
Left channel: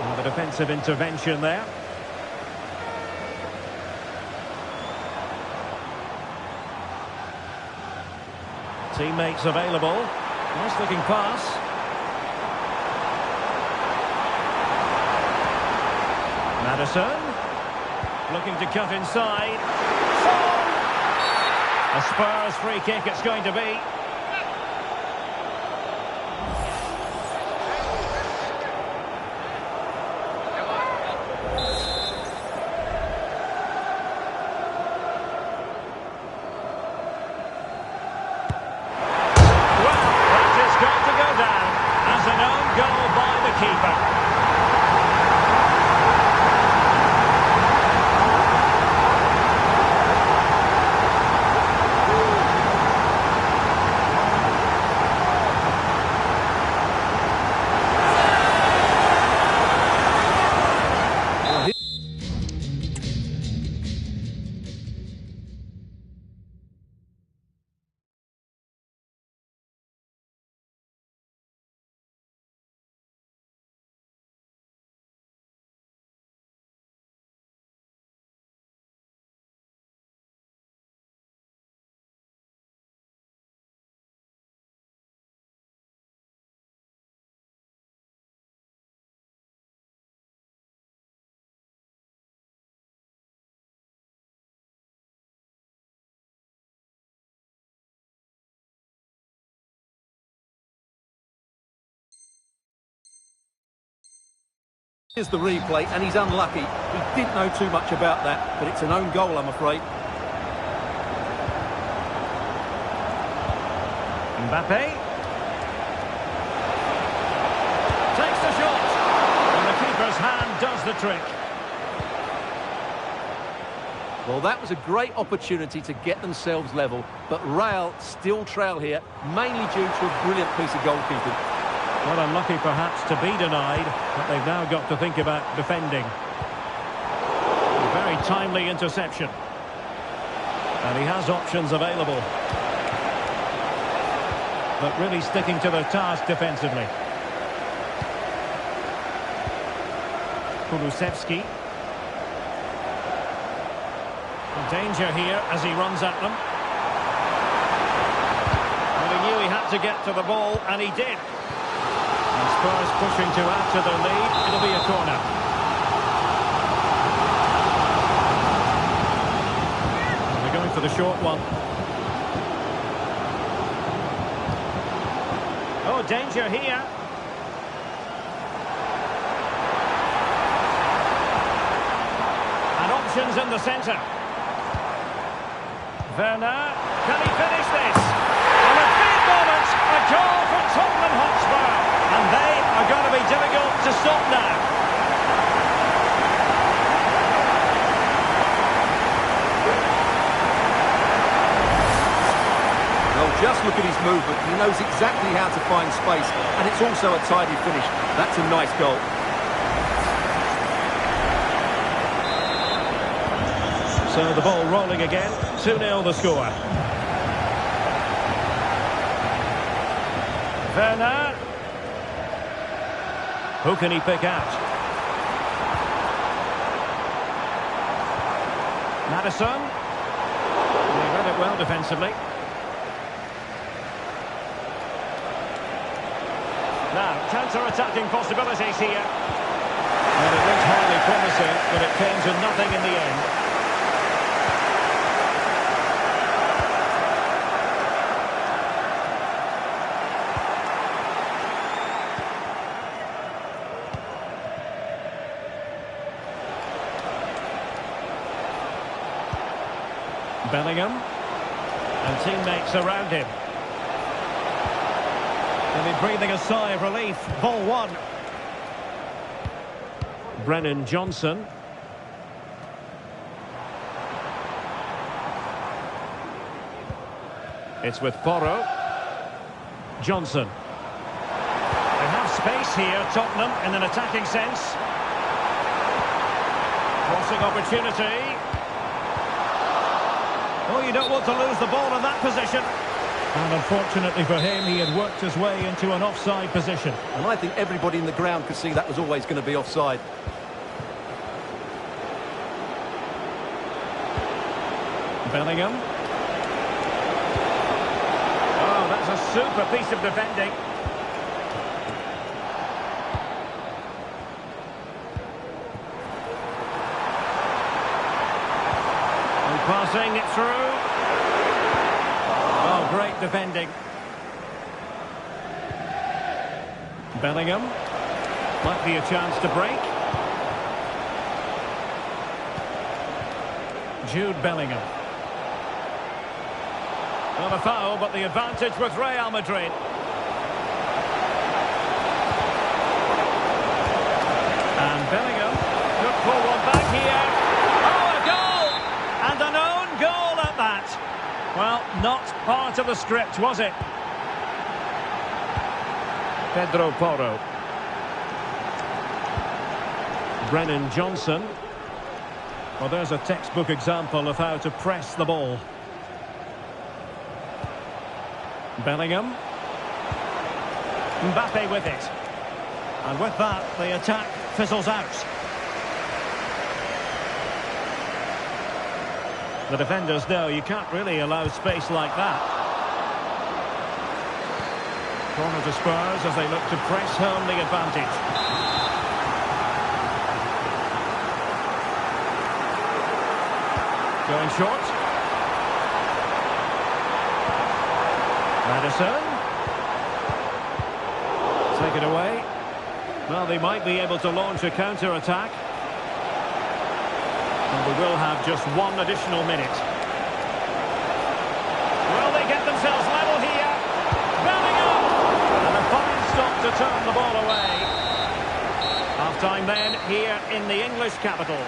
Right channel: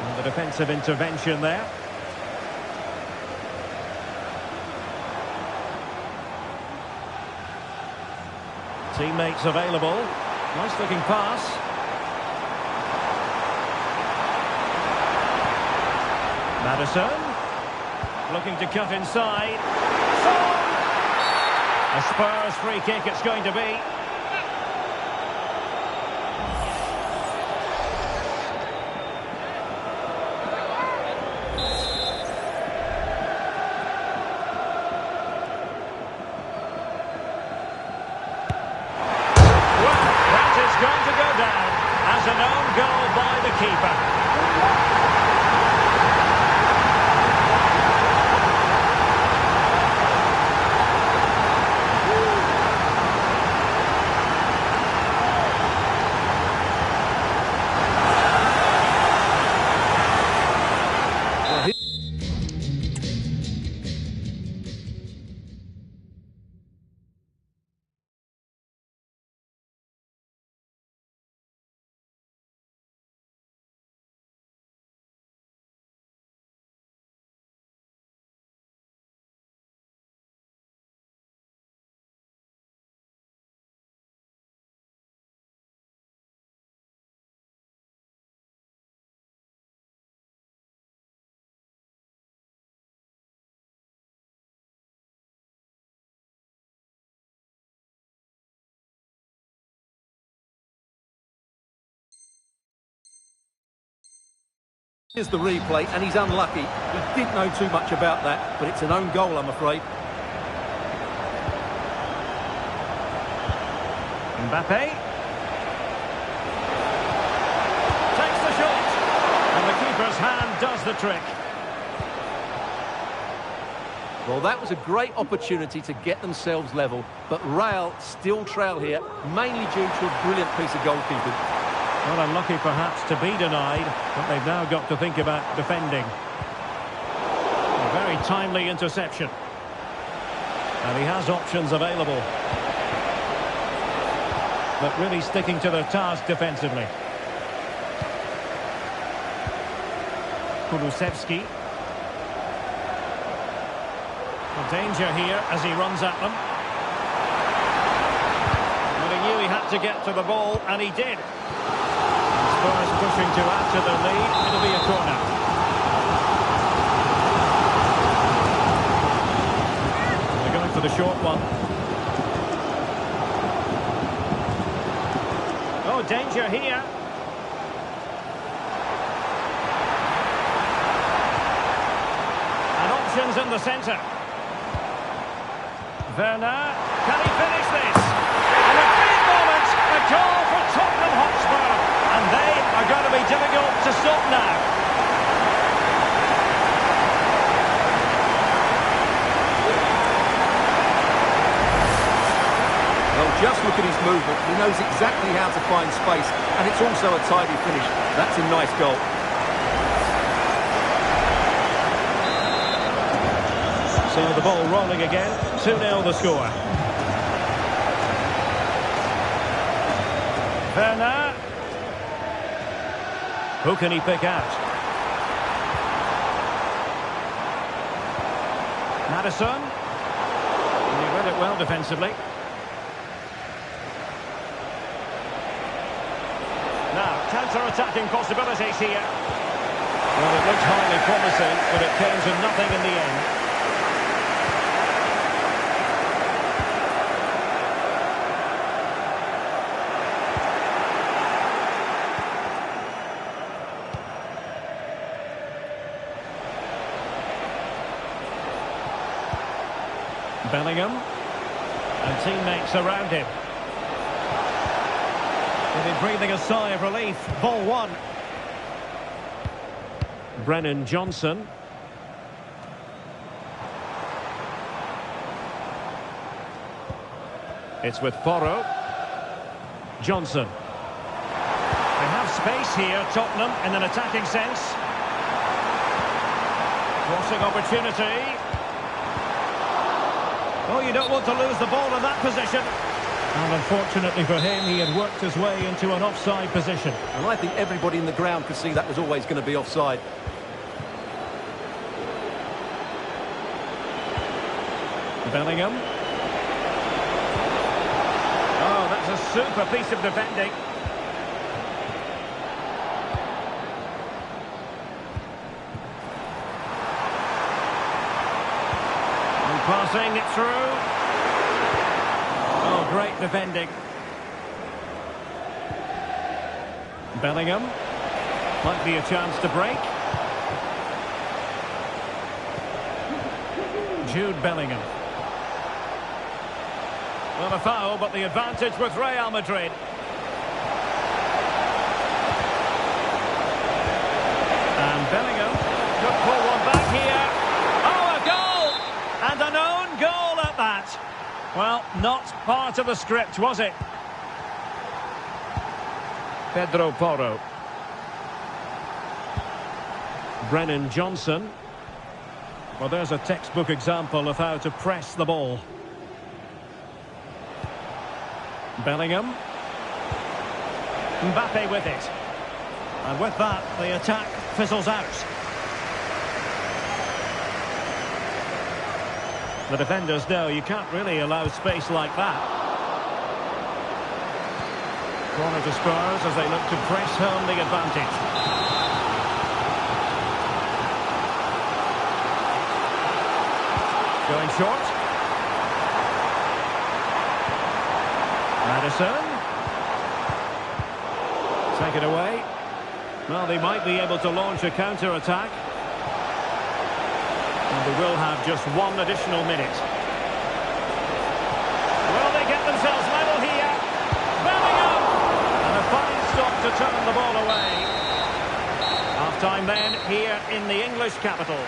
And the defensive intervention there. Teammates available. Nice looking pass. Maddison. Looking to cut inside. Son! A Spurs free kick it's going to be. Going to go down as an own goal by the keeper. Here's the replay, and he's unlucky. He didn't know too much about that, but it's an own goal, I'm afraid. Mbappe. Takes the shot. And the keeper's hand does the trick. Well, that was a great opportunity to get themselves level, but Real still trail here, mainly due to a brilliant piece of goalkeeping. Well, unlucky perhaps to be denied, but they've now got to think about defending. A very timely interception. And he has options available. But really sticking to their task defensively. Kulusevski. Danger here as he runs at them. But he knew he had to get to the ball, and he did. Spurs pushing to add to their lead. It'll be a corner. They're going for the short one. Oh, danger here. And options in the centre. Werner, can he finish this? And a big moment, a goal for Tottenham Hotspur. And they are going to be difficult to stop now. Well, just look at his movement. He knows exactly how to find space, and it's also a tidy finish. That's a nice goal. So the ball rolling again. 2-0 the score. Werner. Who can he pick out? Maddison. And he read it well defensively. Now, counter-attacking possibilities here. Well, it looked highly promising, but it came to nothing in the end. Bellingham, and teammates around him. He'll be breathing a sigh of relief. Ball one. Brennan Johnson. It's with Porro. Johnson. They have space here, Tottenham, in an attacking sense. Crossing opportunity. Oh, you don't want to lose the ball in that position. And unfortunately for him, he had worked his way into an offside position. And I think everybody in the ground could see that was always going to be offside. Bellingham. Oh, that's a super piece of defending. Passing it through. Oh, great defending. Bellingham. Might be a chance to break. Jude Bellingham. Well, a foul, but the advantage with Real Madrid. And Bellingham could pull one back here. Oh, a goal! And an own goal at that. Well, not part of the script, was it? Pedro Porro. Brennan Johnson. Well, there's a textbook example of how to press the ball. Bellingham. Mbappe with it. And with that, the attack fizzles out. The defenders know you can't really allow space like that. Corner to Spurs as they look to press home the advantage. Going short. Maddison. Take it away. Well, they might be able to launch a counter-attack. And they will have just one additional minute. Will they get themselves level here? Bellingham! And a fine stop to turn the ball away. Half-time then here in the English capital.